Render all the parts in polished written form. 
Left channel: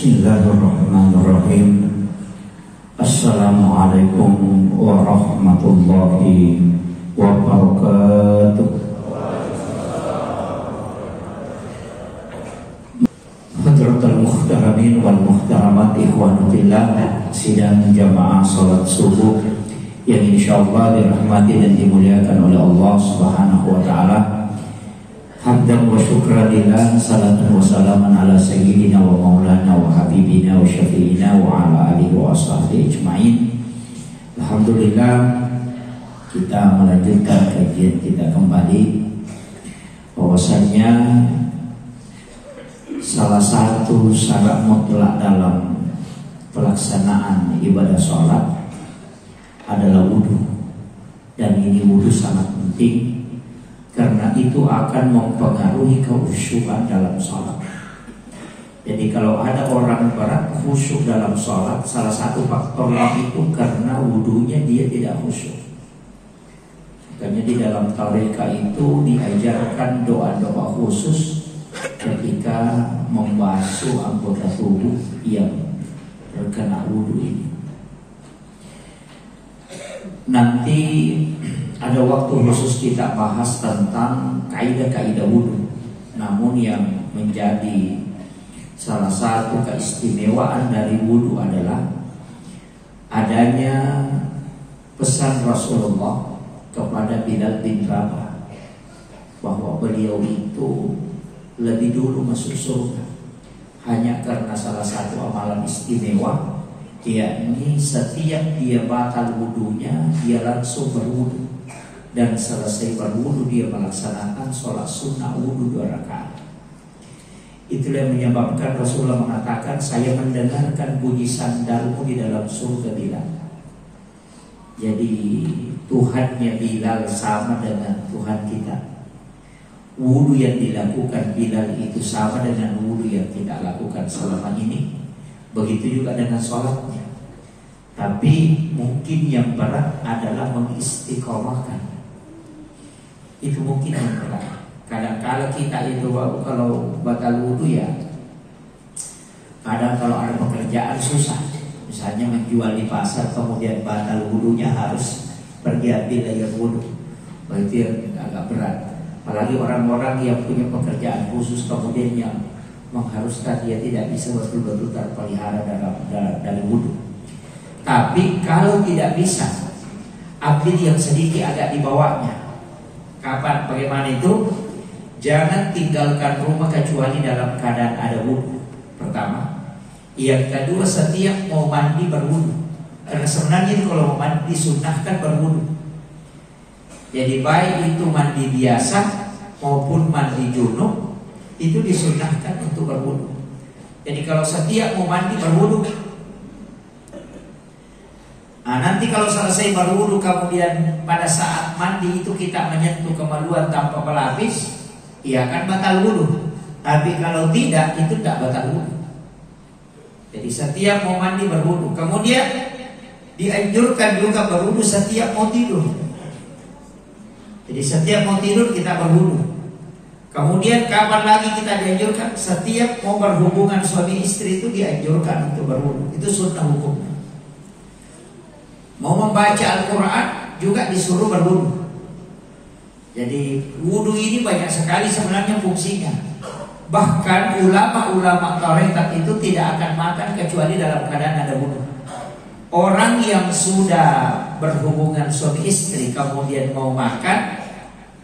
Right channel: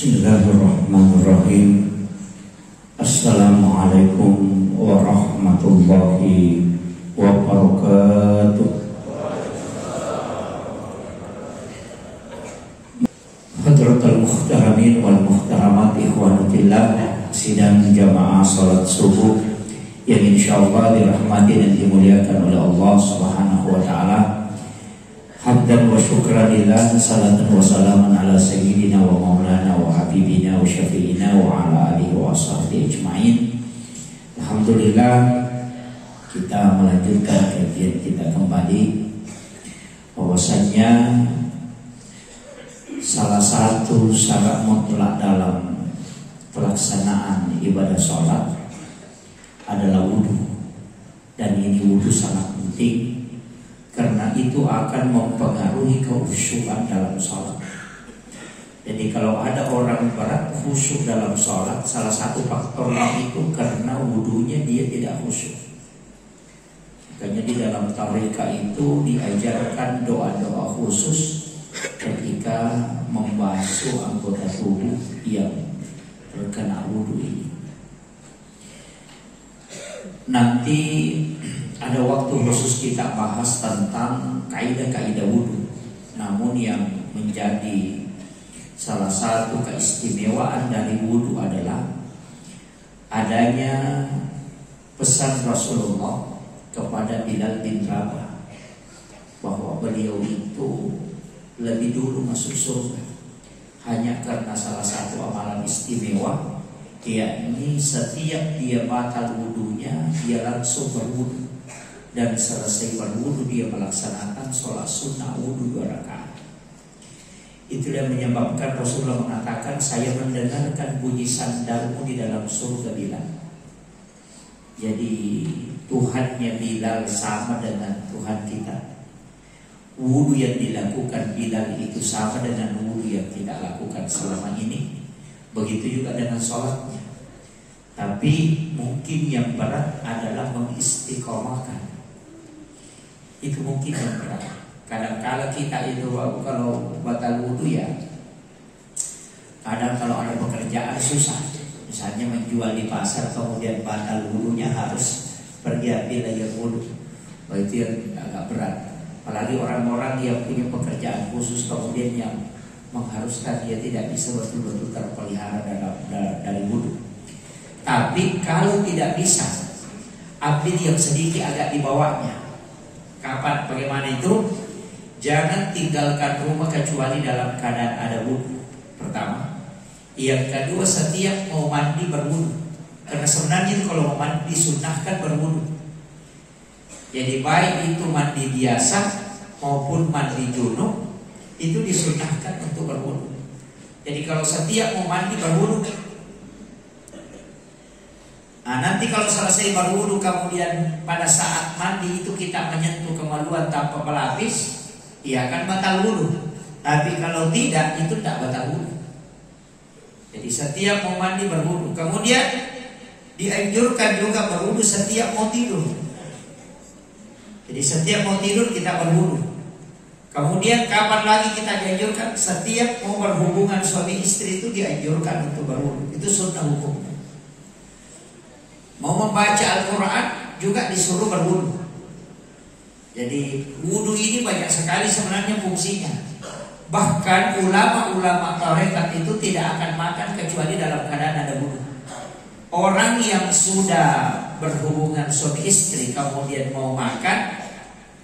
Bismillahirrahmanirrahim. Assalamualaikum warahmatullahi wabarakatuh. Hadratul muhtaramin wal muhtaramat ikhwanatillah, sidang jamaah salat subuh yang insyaallah dirahmati dan dimuliakan oleh Allah Subhanahu wa taala. Hamdan wa syukran lillah, salatan wa salaman ala sayyidina wa maulana wa habibina wa syafi'ina wa ala alihi wa ashabihi ajma'in. Alhamdulillah, kita melanjutkan kajian kita kembali, bahwasanya salah satu syarat mutlak dalam pelaksanaan ibadah sholat adalah wudhu. Dan ini wudhu sangat penting, karena itu akan mempengaruhi kekhusyukan dalam sholat. Jadi kalau ada orang berat khusyuk dalam sholat, salah satu faktornya itu karena wudhunya dia tidak khusyuk. Makanya di dalam tarekat itu diajarkan doa-doa khusus ketika membasuh anggota tubuh yang terkena wudhu ini. Nanti ada waktu khusus kita bahas tentang kaidah-kaidah wudhu. Namun yang menjadi salah satu keistimewaan dari wudhu adalah adanya pesan Rasulullah kepada Bilal bin Rabah bahwa beliau itu lebih dulu masuk surga hanya karena salah satu amalan istimewa, yakni setiap dia batal wudhunya dia langsung berwudhu, dan selesai berwudhu dia melaksanakan sholat sunnah wudhu 2 rakaat. Itulah yang menyebabkan Rasulullah mengatakan, saya mendengarkan bunyi sandalmu di dalam surga Bilal. Jadi Tuhannya Bilal sama dengan Tuhan kita. Wudhu yang dilakukan Bilal itu sama dengan wudhu yang kita lakukan selama ini. Begitu juga dengan sholatnya. Tapi mungkin yang berat adalah mengistiqomahkan. Itu mungkin yang berat. Kadang-kadang kita itu kalau batal wudhu ya, kadang kalau ada pekerjaan susah. Misalnya menjual di pasar, kemudian batal wudhunya harus pergi ambil air wudhu. Itu yang agak berat. Apalagi orang-orang yang punya pekerjaan khusus kemudian yang mengharuskan dia tidak bisa betul-betul terpelihara dari wudhu. Tapi kalau tidak bisa, update yang sedikit agak dibawanya. Kapan? Bagaimana itu? Jangan tinggalkan rumah kecuali dalam keadaan ada wudhu. Pertama. Yang kedua, setiap mau mandi berwudhu. Karena sebenarnya kalau mau mandi disunnahkan berwudhu. Jadi baik itu mandi biasa maupun mandi junub, itu disunnahkan untuk berwudhu. Jadi kalau setiap mau mandi berwudhu. Nah, nanti kalau selesai berwudhu kemudian pada saat mandi itu kita menyentuh kemaluan tanpa pelapis, ia akan batal wudhu. Tapi kalau tidak, itu tidak batal wudhu. Jadi setiap mau mandi berwudhu. Kemudian dianjurkan juga berwudhu setiap mau tidur. Jadi setiap mau tidur kita berwudhu. Kemudian kapan lagi kita dianjurkan? Setiap mau berhubungan suami istri itu dianjurkan untuk berwudhu. Itu sunnah hukum. Mau membaca Al-Quran juga disuruh berwudhu. Jadi wudhu ini banyak sekali sebenarnya fungsinya. Bahkan ulama-ulama tarekat itu tidak akan makan kecuali dalam keadaan ada wudhu. Orang yang sudah berhubungan suami istri kemudian mau makan,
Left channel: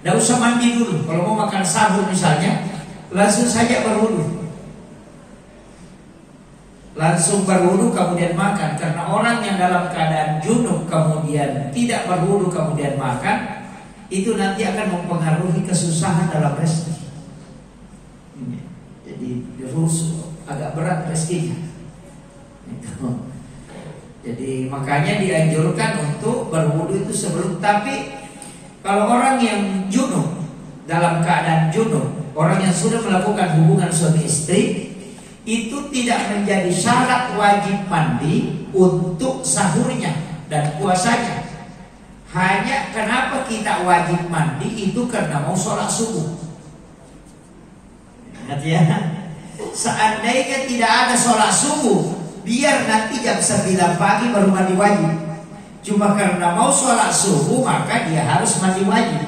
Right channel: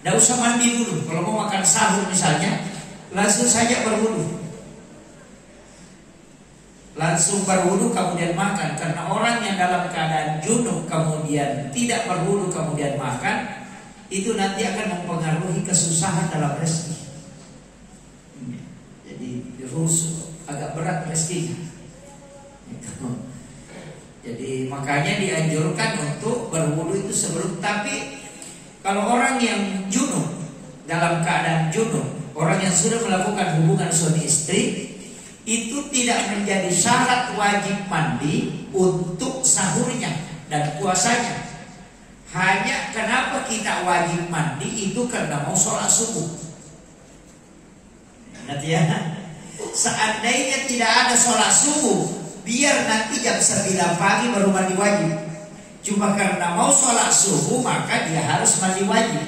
tidak usah mandi dulu. Kalau mau makan sahur misalnya, langsung saja berwudhu. Langsung berwudhu kemudian makan. Karena orang yang dalam keadaan junub kemudian tidak berwudhu kemudian makan, itu nanti akan mempengaruhi kesusahan dalam rezeki. Jadi terus agak berat rezekinya. Jadi makanya dianjurkan untuk berwudhu itu sebelum. Tapi kalau orang yang junub, dalam keadaan junub, orang yang sudah melakukan hubungan suami istri, itu tidak menjadi syarat wajib mandi untuk sahurnya dan puasanya. Hanya kenapa kita wajib mandi itu karena mau sholat subuh. Ingat ya, Seandainya tidak ada sholat subuh, biar nanti jam 9 pagi baru mandi wajib. Cuma karena mau sholat subuh, maka dia harus mandi wajib.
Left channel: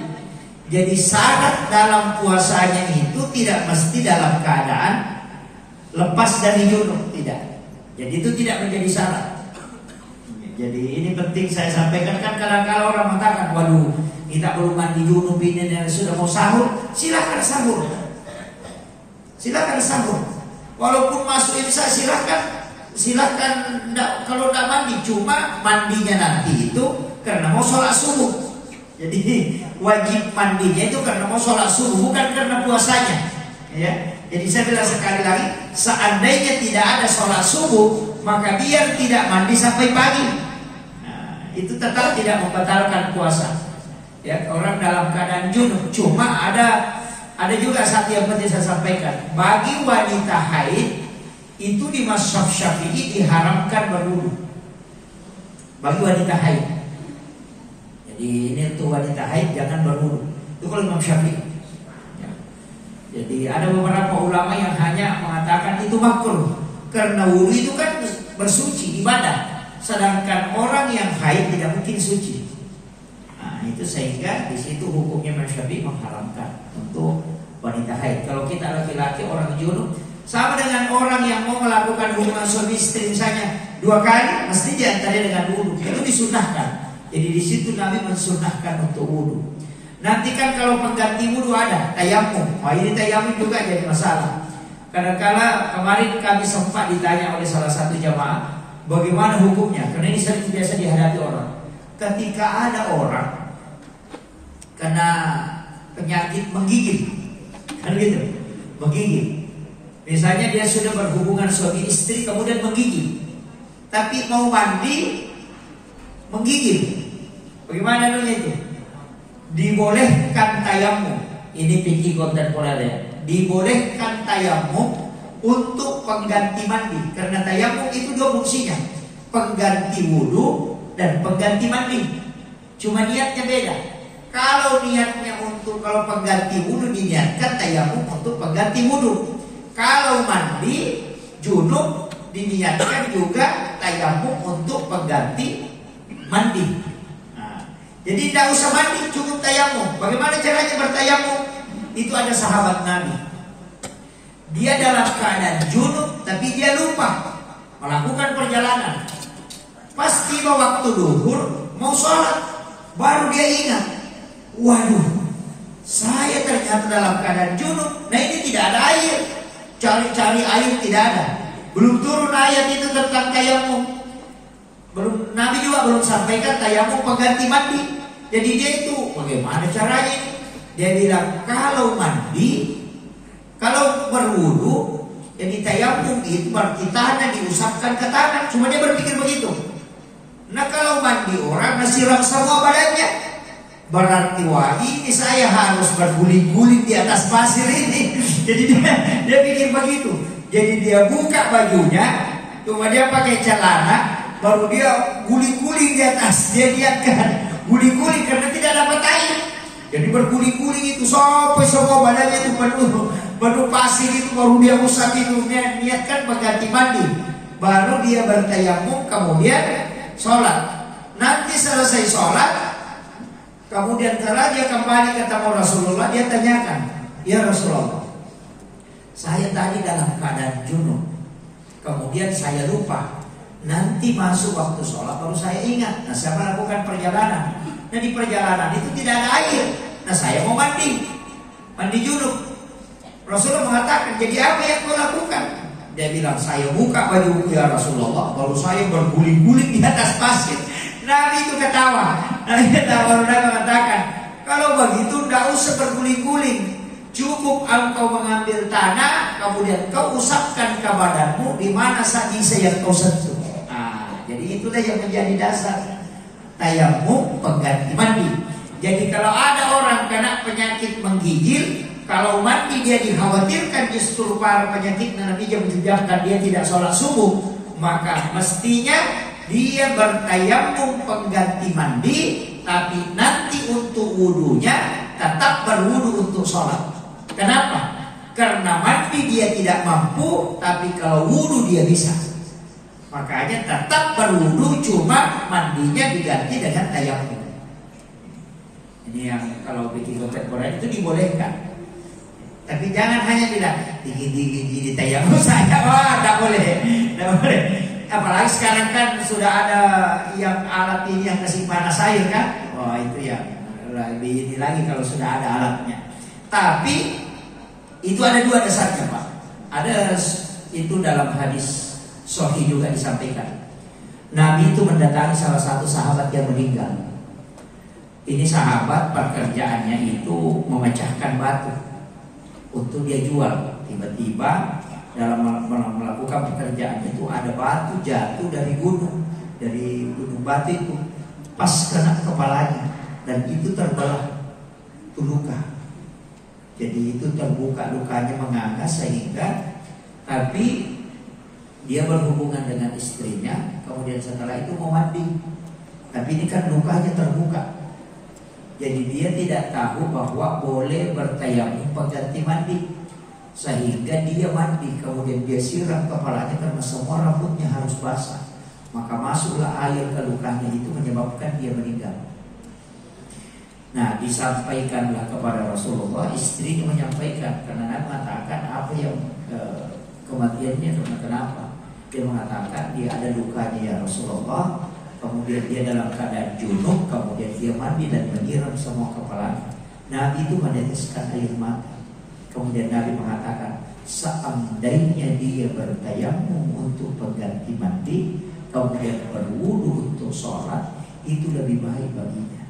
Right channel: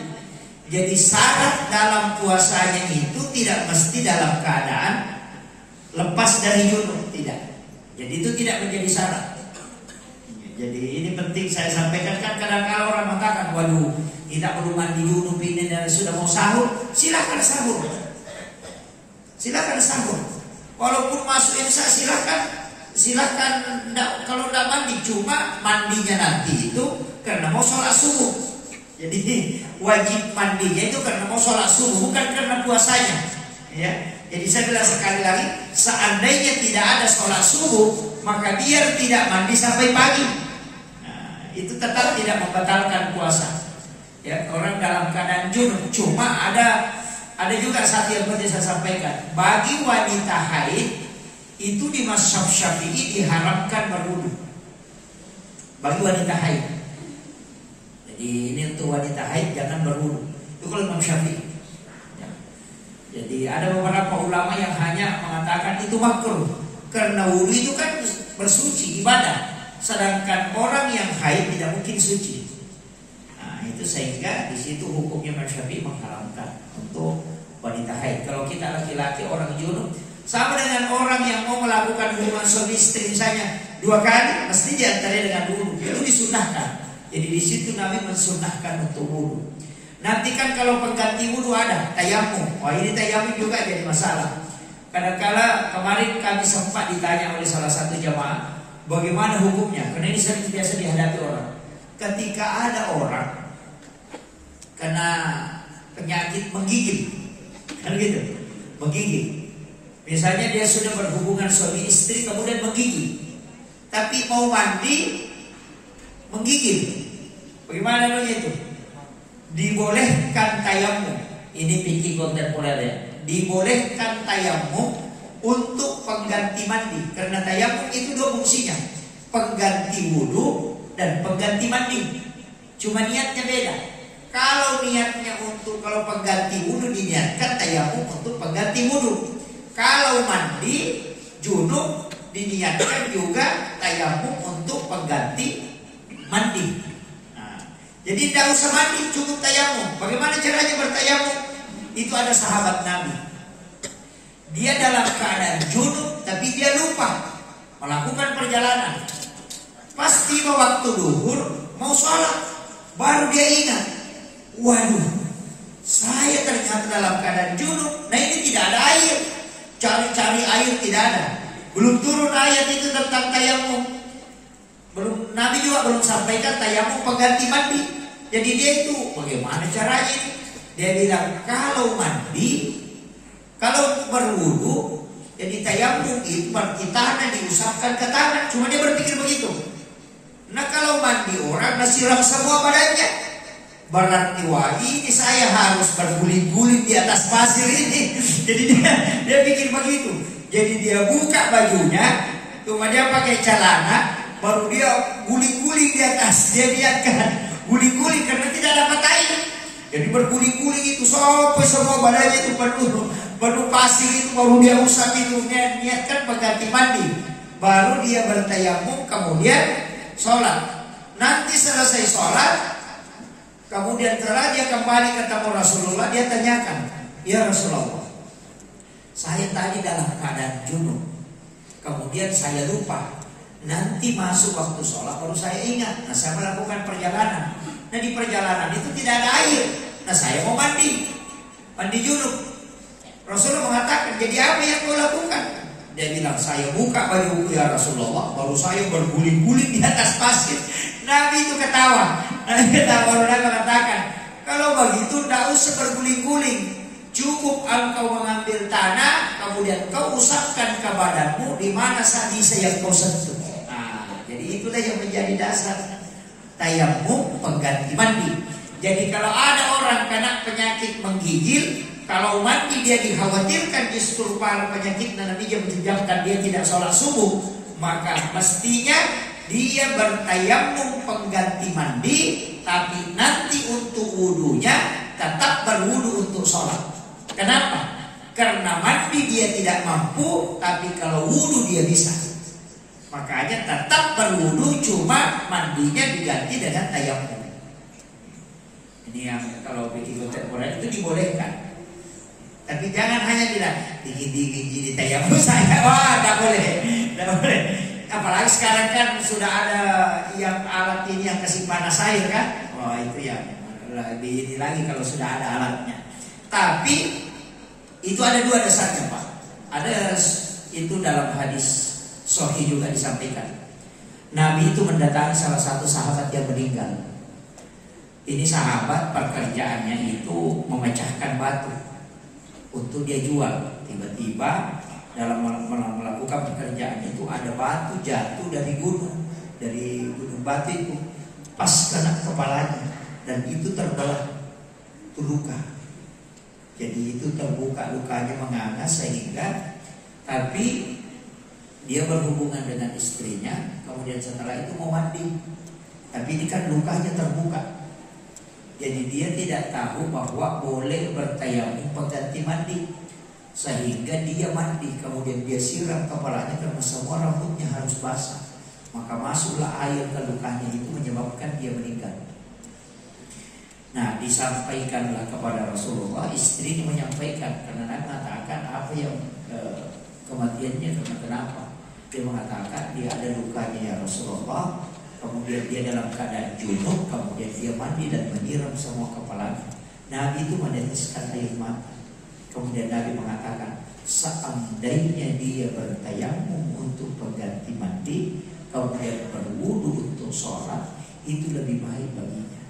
Jadi syarat dalam puasanya itu tidak mesti dalam keadaan lepas dari junub, tidak. Jadi itu tidak menjadi syarat. Jadi ini penting saya sampaikan, kan kadang-kadang orang mengatakan, waduh, kita belum mandi junub ini dan sudah mau sahur, silakan sahur. Silakan sahur. Walaupun masuk isya silakan kalau tidak mandi, cuma mandinya nanti itu karena mau sholat subuh. Jadi wajib mandinya itu karena mau sholat subuh, bukan karena puasanya. Ya. Jadi saya bilang sekali lagi, seandainya tidak ada sholat subuh, maka biar tidak mandi sampai pagi. Itu tetap tidak membatalkan puasa. Ya, orang dalam keadaan junub. Cuma ada juga satu yang penting saya sampaikan. Bagi wanita haid itu di mazhab Syafi'i diharamkan berwudu. Bagi wanita haid. Jadi ini untuk wanita haid jangan berwudu. Itu kalau Imam Syafi'i. Jadi ada beberapa ulama yang hanya mengatakan itu makruh karena wudu itu kan bersuci, ibadah. Sedangkan orang yang haid tidak mungkin suci. Nah, itu sehingga di situ hukumnya Imam Syafi'i mengharamkan untuk wanita haid. Kalau kita laki-laki orang junub, sama dengan orang yang mau melakukan hubungan suami istri misalnya 2 kali, mesti diantara dengan wudu. Itu disunahkan. Jadi di situ Nabi mensunahkan untuk wudu. Nanti kan kalau pengganti wudu ada tayamum. Ini tayamum juga jadi masalah. Kadang-kala kemarin kami sempat ditanya oleh salah satu jamaah, bagaimana hukumnya? Karena ini sering biasa dihadapi orang. Ketika ada orang kena penyakit menggigil, kan gitu, menggigil. Misalnya dia sudah berhubungan suami istri kemudian menggigil, tapi mau mandi menggigil. Bagaimana itu? Dibolehkan tayamum. Ini fikih kontemporer ya. Dibolehkan tayamum untuk pengganti mandi, karena tayamum itu 2 fungsinya, pengganti wudu dan pengganti mandi. Cuma niatnya beda. Kalau niatnya kalau pengganti wudu diniatkan tayamum untuk pengganti wudu. Kalau mandi junub diniatkan juga tayamum untuk pengganti mandi. Nah, jadi tidak usah mandi, cukup tayamum. Bagaimana caranya bertayamum? Itu ada sahabat Nabi. Dia dalam keadaan junub, tapi dia lupa melakukan perjalanan. Pas tiba waktu duhur, mau sholat, baru dia ingat, waduh, saya ternyata dalam keadaan junub. Nah ini tidak ada air, cari-cari air tidak ada. Belum turun ayat itu tentang tayamum. Nabi juga belum sampaikan tayamum pengganti mandi. Jadi dia itu bagaimana caranya? Dia bilang kalau mandi, kalau berwudu, jadi tayamum itu berarti tanah diusapkan ke tanah. Cuma dia berpikir begitu. Nah kalau mandi orang siram semua badannya, berarti wah ini saya harus berguling-guling di atas pasir ini. Jadi dia pikir begitu. Jadi dia buka bajunya, cuma dia pakai celana, baru dia guling-guling di atas. Dia lihatkan guling-guling karena tidak dapat air. Jadi berguling-guling itu sampai semua badannya itu penuh pasir itu, baru dia usap itu, niatkan pengganti mandi. Baru dia bertayamum, kemudian sholat. Nanti selesai sholat, kemudian setelah dia kembali ketemu Rasulullah, dia tanyakan, ya Rasulullah, saya tadi dalam keadaan junub, kemudian saya lupa. Nanti masuk waktu sholat baru saya ingat. Nah saya melakukan perjalanan. Nah di perjalanan itu tidak ada air. Nah saya mau mandi junub. Rasulullah mengatakan, jadi apa yang kau lakukan? Dia bilang, saya buka bajuku ya Rasulullah, baru saya berguling-guling di atas pasir. Nabi itu ketawa. Nabi mengatakan, kalau begitu tidak usah berguling-guling, cukup engkau mengambil tanah, kemudian kau usapkan ke badanmu di mana saja yang kau sentuh. Nah, jadi itulah yang menjadi dasar tayamum pengganti mandi. Jadi kalau ada orang kena penyakit menggigil, kalau mandi dia dikhawatirkan justru para penyakit nanti yang menyebabkan dia tidak sholat subuh, maka mestinya dia bertayamum pengganti mandi, tapi nanti untuk wudunya tetap berwudu untuk sholat. Kenapa? Karena mandi dia tidak mampu, tapi kalau wudu dia bisa. Makanya tetap berwudu, cuma mandinya diganti dengan tayamum. Ini yang kalau bikin kontemporer itu dibolehkan. Tapi jangan hanya bilang dingin-dingin gini tayamum saya, wah tak boleh, tak boleh. Apalagi sekarang kan sudah ada yang alat ini yang kasih panas air kan, wah itu ya lebih ini lagi kalau sudah ada alatnya. Tapi itu ada dua dasarnya Pak. Ada itu dalam hadis sahih juga disampaikan. Nabi itu mendatangi salah satu sahabat yang meninggal. Ini sahabat pekerjaannya itu memecahkan batu untuk dia jual. Tiba-tiba dalam melakukan pekerjaan itu ada batu jatuh dari gunung batu itu pas kena kepalanya dan itu terbelah, itu luka. Jadi itu terbuka lukanya menganga sehingga, tapi dia berhubungan dengan istrinya, kemudian setelah itu mau mandi. Tapi ini kan lukanya terbuka. Jadi dia tidak tahu bahwa boleh bertayamum pengganti mandi. Sehingga dia mandi, kemudian dia siram kepalanya karena semua rambutnya harus basah. Maka masuklah air ke lukanya, itu menyebabkan dia meninggal. Nah, disampaikanlah kepada Rasulullah, istrinya menyampaikan karena Nabi mengatakan apa yang kematiannya karena kenapa? Dia mengatakan dia ada lukanya ya Rasulullah. Kemudian dia dalam keadaan junub, kemudian dia mandi dan menyiram semua kepalanya. Nabi itu meneteskan air mata. Kemudian Nabi mengatakan, seandainya dia bertayamum untuk pengganti mandi, kemudian berwudu untuk sholat, itu lebih baik baginya.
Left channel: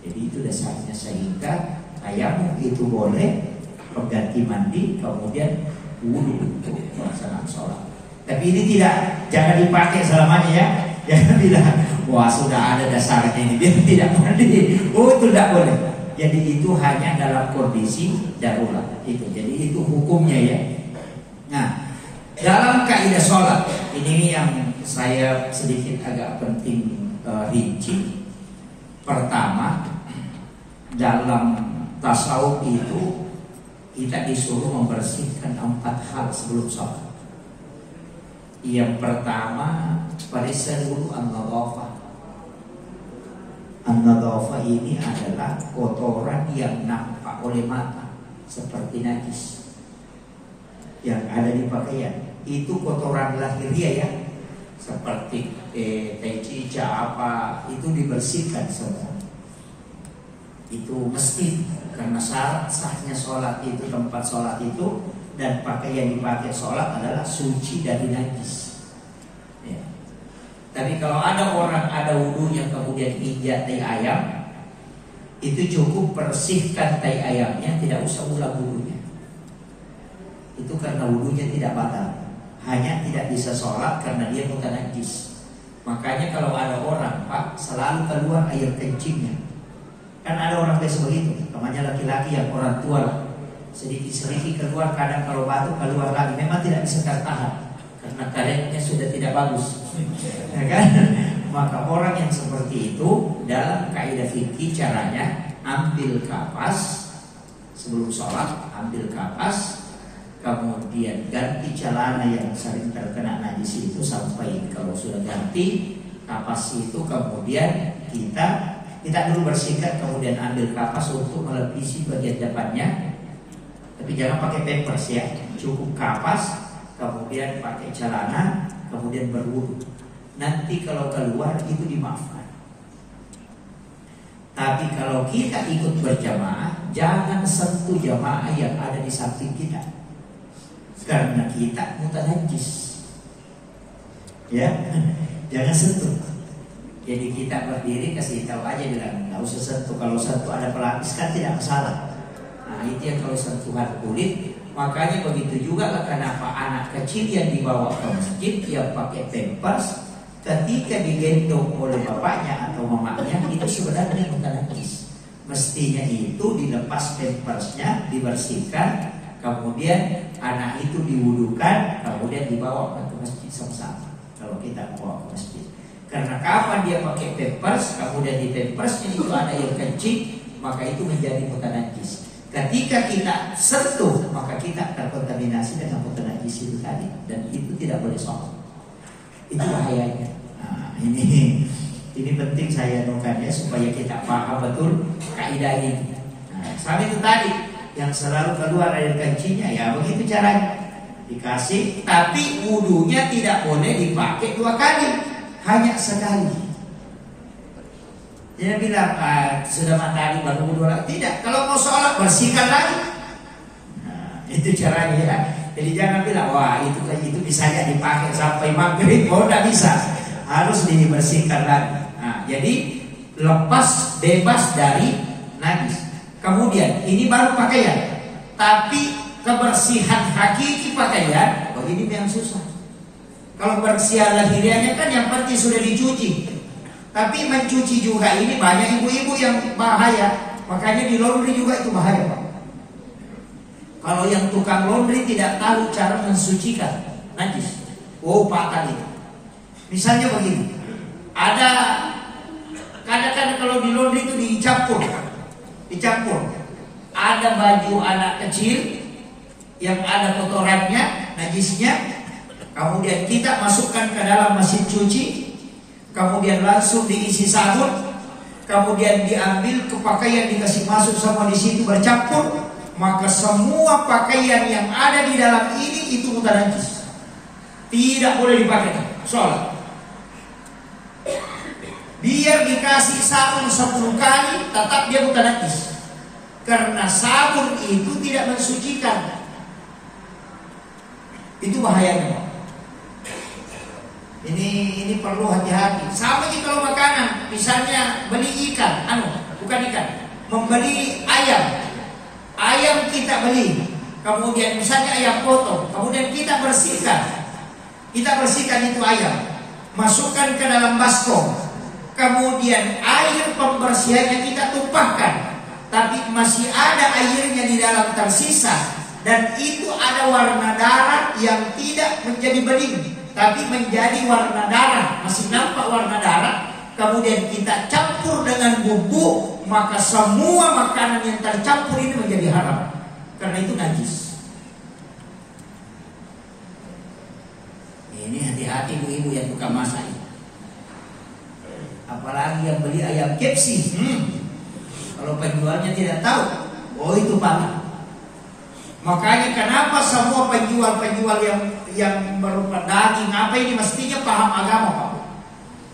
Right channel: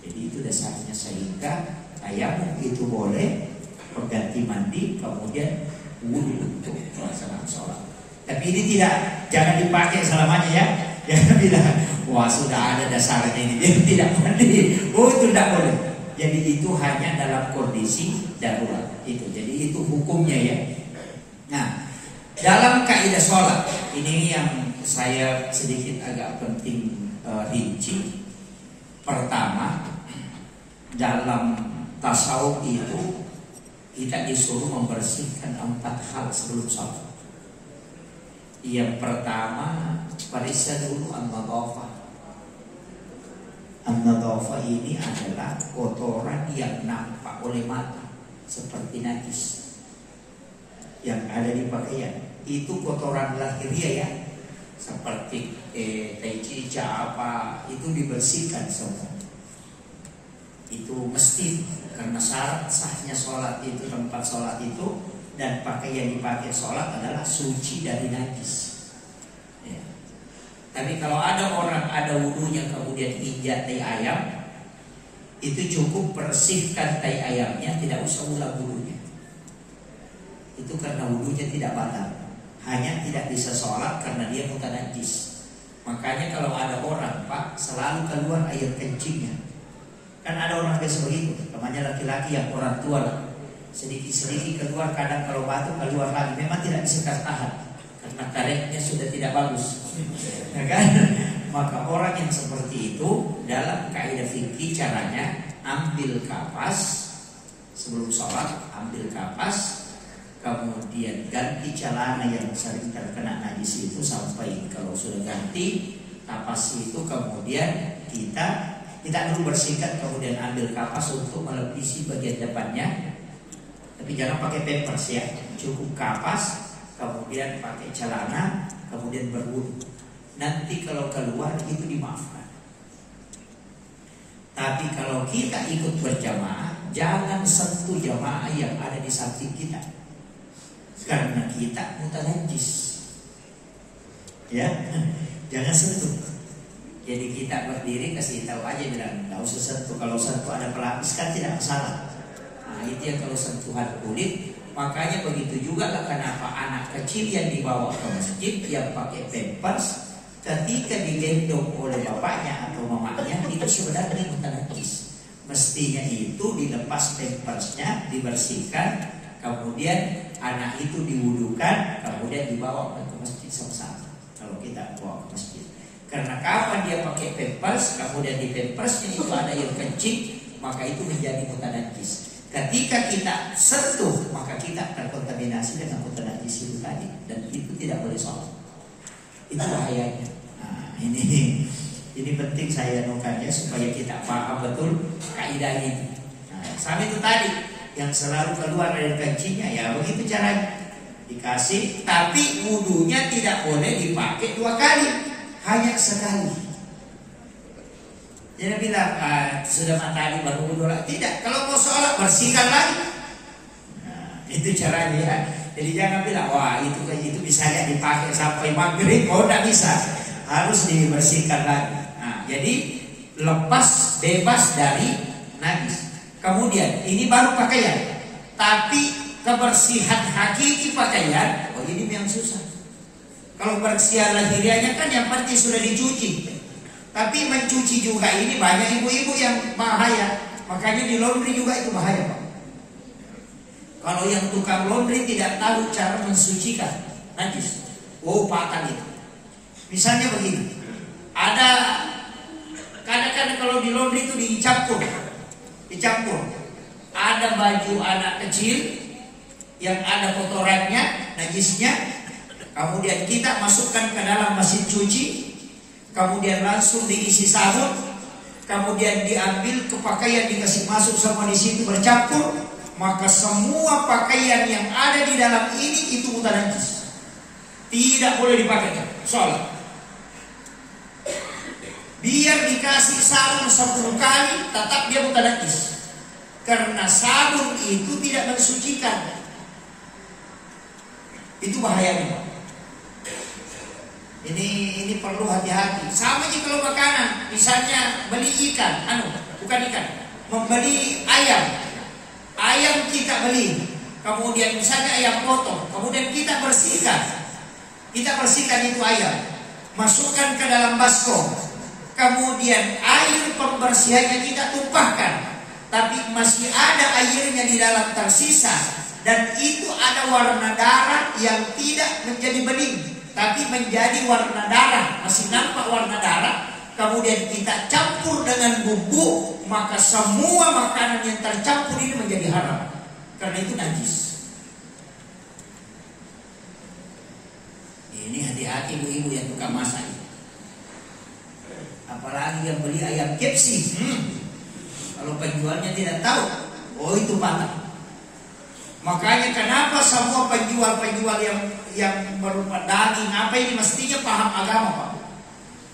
Jadi itu dasarnya, sehingga tayamum itu boleh, pengganti mandi, kemudian wudu untuk pelaksanaan sholat. Tapi ini jangan dipakai selamanya ya. Jangan bilang, wah sudah ada dasarnya ini, dia tidak mandi. Oh itu tidak boleh. Jadi itu hanya dalam kondisi darurat itu. Jadi itu hukumnya ya. Nah, dalam kaidah sholat ini yang saya sedikit agak penting rinci. Pertama, dalam tasawuf itu kita disuruh membersihkan 4 hal sebelum sholat. Yang pertama, periksa dulu an-nadhafah. An-nadhafah ini adalah kotoran yang nampak oleh mata seperti najis yang ada di pakaian. Itu kotoran lahiriah ya, seperti cica apa, itu dibersihkan semua. Itu mesti, karena syarat sahnya sholat itu, tempat sholat itu dan pakaian yang dipakai sholat adalah suci dari najis ya. Tapi kalau ada orang ada wudunya kemudian injak tai ayam, itu cukup bersihkan tai ayamnya, tidak usah ulang wudunya. Itu karena wudunya tidak batal, hanya tidak bisa sholat karena dia mutanajis. Makanya kalau ada orang Pak selalu keluar air kencingnya. Kan ada orang biasa begitu, namanya laki-laki yang orang tua, sedikit-sedikit keluar, kadang kalau batuk keluar lagi. Memang tidak bisa tertahan karena karetnya sudah tidak bagus, ya kan? Maka orang yang seperti itu dalam kaidah fikih caranya ambil kapas sebelum sholat, ambil kapas, kemudian ganti celana yang sering terkena najis itu sampai kalau sudah ganti kapas itu, kemudian kita dulu bersihkan, kemudian ambil kapas untuk melapisi bagian depannya. Tapi jangan pakai pampers ya, cukup kapas, kemudian pakai celana, kemudian berwudu. Nanti kalau keluar itu dimaafkan. Tapi kalau kita ikut berjamaah, jangan sentuh jamaah yang ada di samping kita, karena kita mutanajis. Ya, jangan sentuh. Jadi kita berdiri kasih tahu aja, bilang nggak usah sentuh. Kalau sentuh ada pelapis kan tidak masalah. Nah itu ya kalau sentuhan kulit. Makanya begitu juga lah kenapa anak kecil yang dibawa ke masjid yang pakai pampers, ketika digendong oleh bapaknya atau mamanya itu sebenarnya bukan najis. Mestinya itu dilepas pampersnya, dibersihkan, kemudian anak itu diwudukan, kemudian dibawa ke masjid sama-sama. Kalau kita bawa ke masjid. Karena kapan dia pakai pampers, kemudian di pampersnya itu ada air kencing, maka itu menjadi bukan najis. Ketika kita sentuh, maka kita terkontaminasi dengan kotor najis itu tadi, dan itu tidak boleh sholat. Itu bahayanya. Nah, ini penting saya nukanya supaya kita paham betul kaidah ini. Nah, sama itu tadi yang selalu keluar dari kancinya, ya begitu caranya. Dikasih, tapi wudunya tidak boleh dipakai 2 kali, hanya sekali. Dia bilang, sudah matahari baru wudu lagi. Tidak, kalau mau sholat bersihkan lagi. Nah, itu caranya ya. Jadi jangan bilang, wah itu bisa ya dipakai sampai maghrib. Oh, tidak bisa, harus dibersihkan lagi. Nah, jadi lepas, bebas dari najis. Kemudian ini baru pakaian, tapi kebersihan hakiki pakaian, begini yang susah. Kalau bersihan lahiriahnya kan yang penting sudah dicuci. Tapi mencuci juga ini banyak ibu-ibu yang bahaya. Makanya di laundry juga itu bahaya, Pak. Kalau yang tukang laundry tidak tahu cara mensucikan najis, fatal itu. Misalnya begini, ada kadang-kadang kalau di laundry itu dicampur. Ada baju anak kecil yang ada kotorannya, najisnya, kemudian kita masukkan ke dalam mesin cuci, kemudian langsung diisi sabun, kemudian diambil ke pakaian, dikasih masuk sama di situ bercampur, maka semua pakaian yang ada di dalam ini itu mudah najis, tidak boleh dipakai sholat. Biar dikasih sabun 10 kali, tetap dia mudah najis, karena sabun itu tidak mensucikan. Itu bahayanya. Ini perlu hati-hati. Sama juga kalau makanan, misalnya beli ikan, membeli ayam kita beli, kemudian misalnya ayam potong, kemudian kita bersihkan itu ayam, masukkan ke dalam baskom, kemudian air pembersihannya kita tumpahkan, tapi masih ada airnya di dalam tersisa, dan itu ada warna darah yang tidak menjadi bening, tapi menjadi warna darah, masih nampak warna darah. Kemudian kita campur dengan bumbu, maka semua makanan yang tercampur ini menjadi haram, karena itu najis. Ini hati-hati ibu-ibu yang tukang masak, apalagi yang beli ayam KFC. Kalau penjualnya tidak tahu, itu patah. Makanya kenapa semua penjual-penjual yang berupa daging apa ini mestinya paham agama, Pak.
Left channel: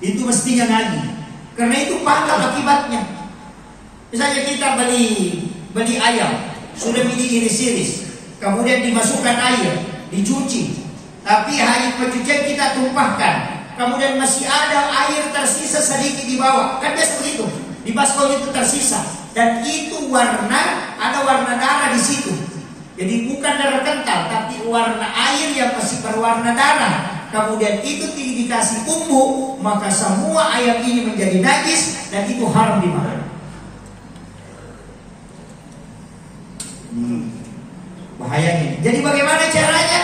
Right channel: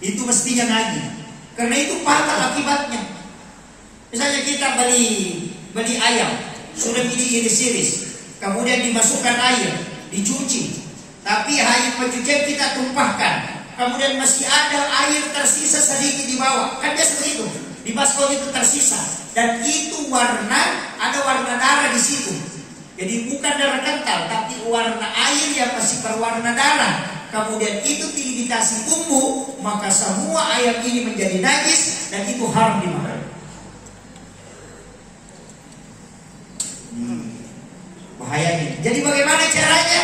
Itu mestinya ngaji. Karena itu patah akibatnya. Misalnya kita beli ayam, sudah diiris-iris, kemudian dimasukkan air, dicuci, tapi air pencucian kita tumpahkan, kemudian masih ada air tersisa sedikit di bawah. Kan biasa begitu. Di baskom itu tersisa, dan itu ada warna darah di situ. Jadi bukan darah kental, tapi warna air yang masih berwarna darah. Kemudian itu tidak dikasih bumbu, maka semua ayam ini menjadi najis, dan itu haram dimakan. Bahayanya. Jadi bagaimana caranya?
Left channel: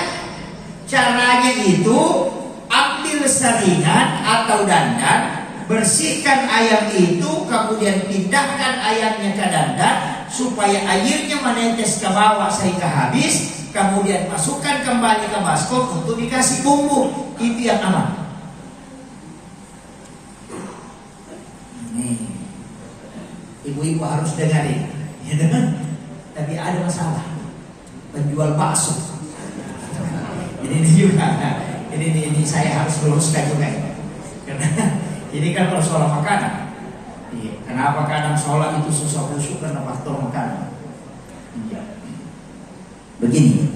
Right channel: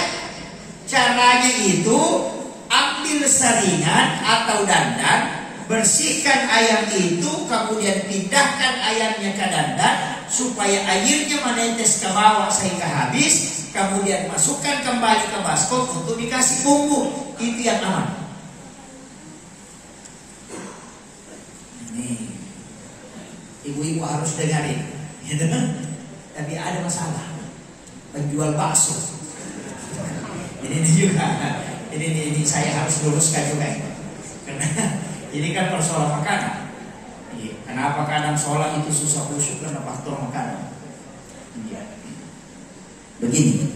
Caranya itu ambil saringan atau dandan, bersihkan ayam itu, kemudian pindahkan ayamnya ke dandan supaya airnya menetes ke bawah sehingga habis. Kemudian masukkan kembali ke baskom untuk dikasih bumbu. Itu yang aman. Nih, ibu-ibu harus dengarin, gitu kan? Tapi ada masalah. Penjual bakso. Ini juga. Ini saya harus luruskan juga ya. Karena ini kan persoalan makanan. Kenapa kadang sholat itu susah khusyuk karena faktor makanan. Begini,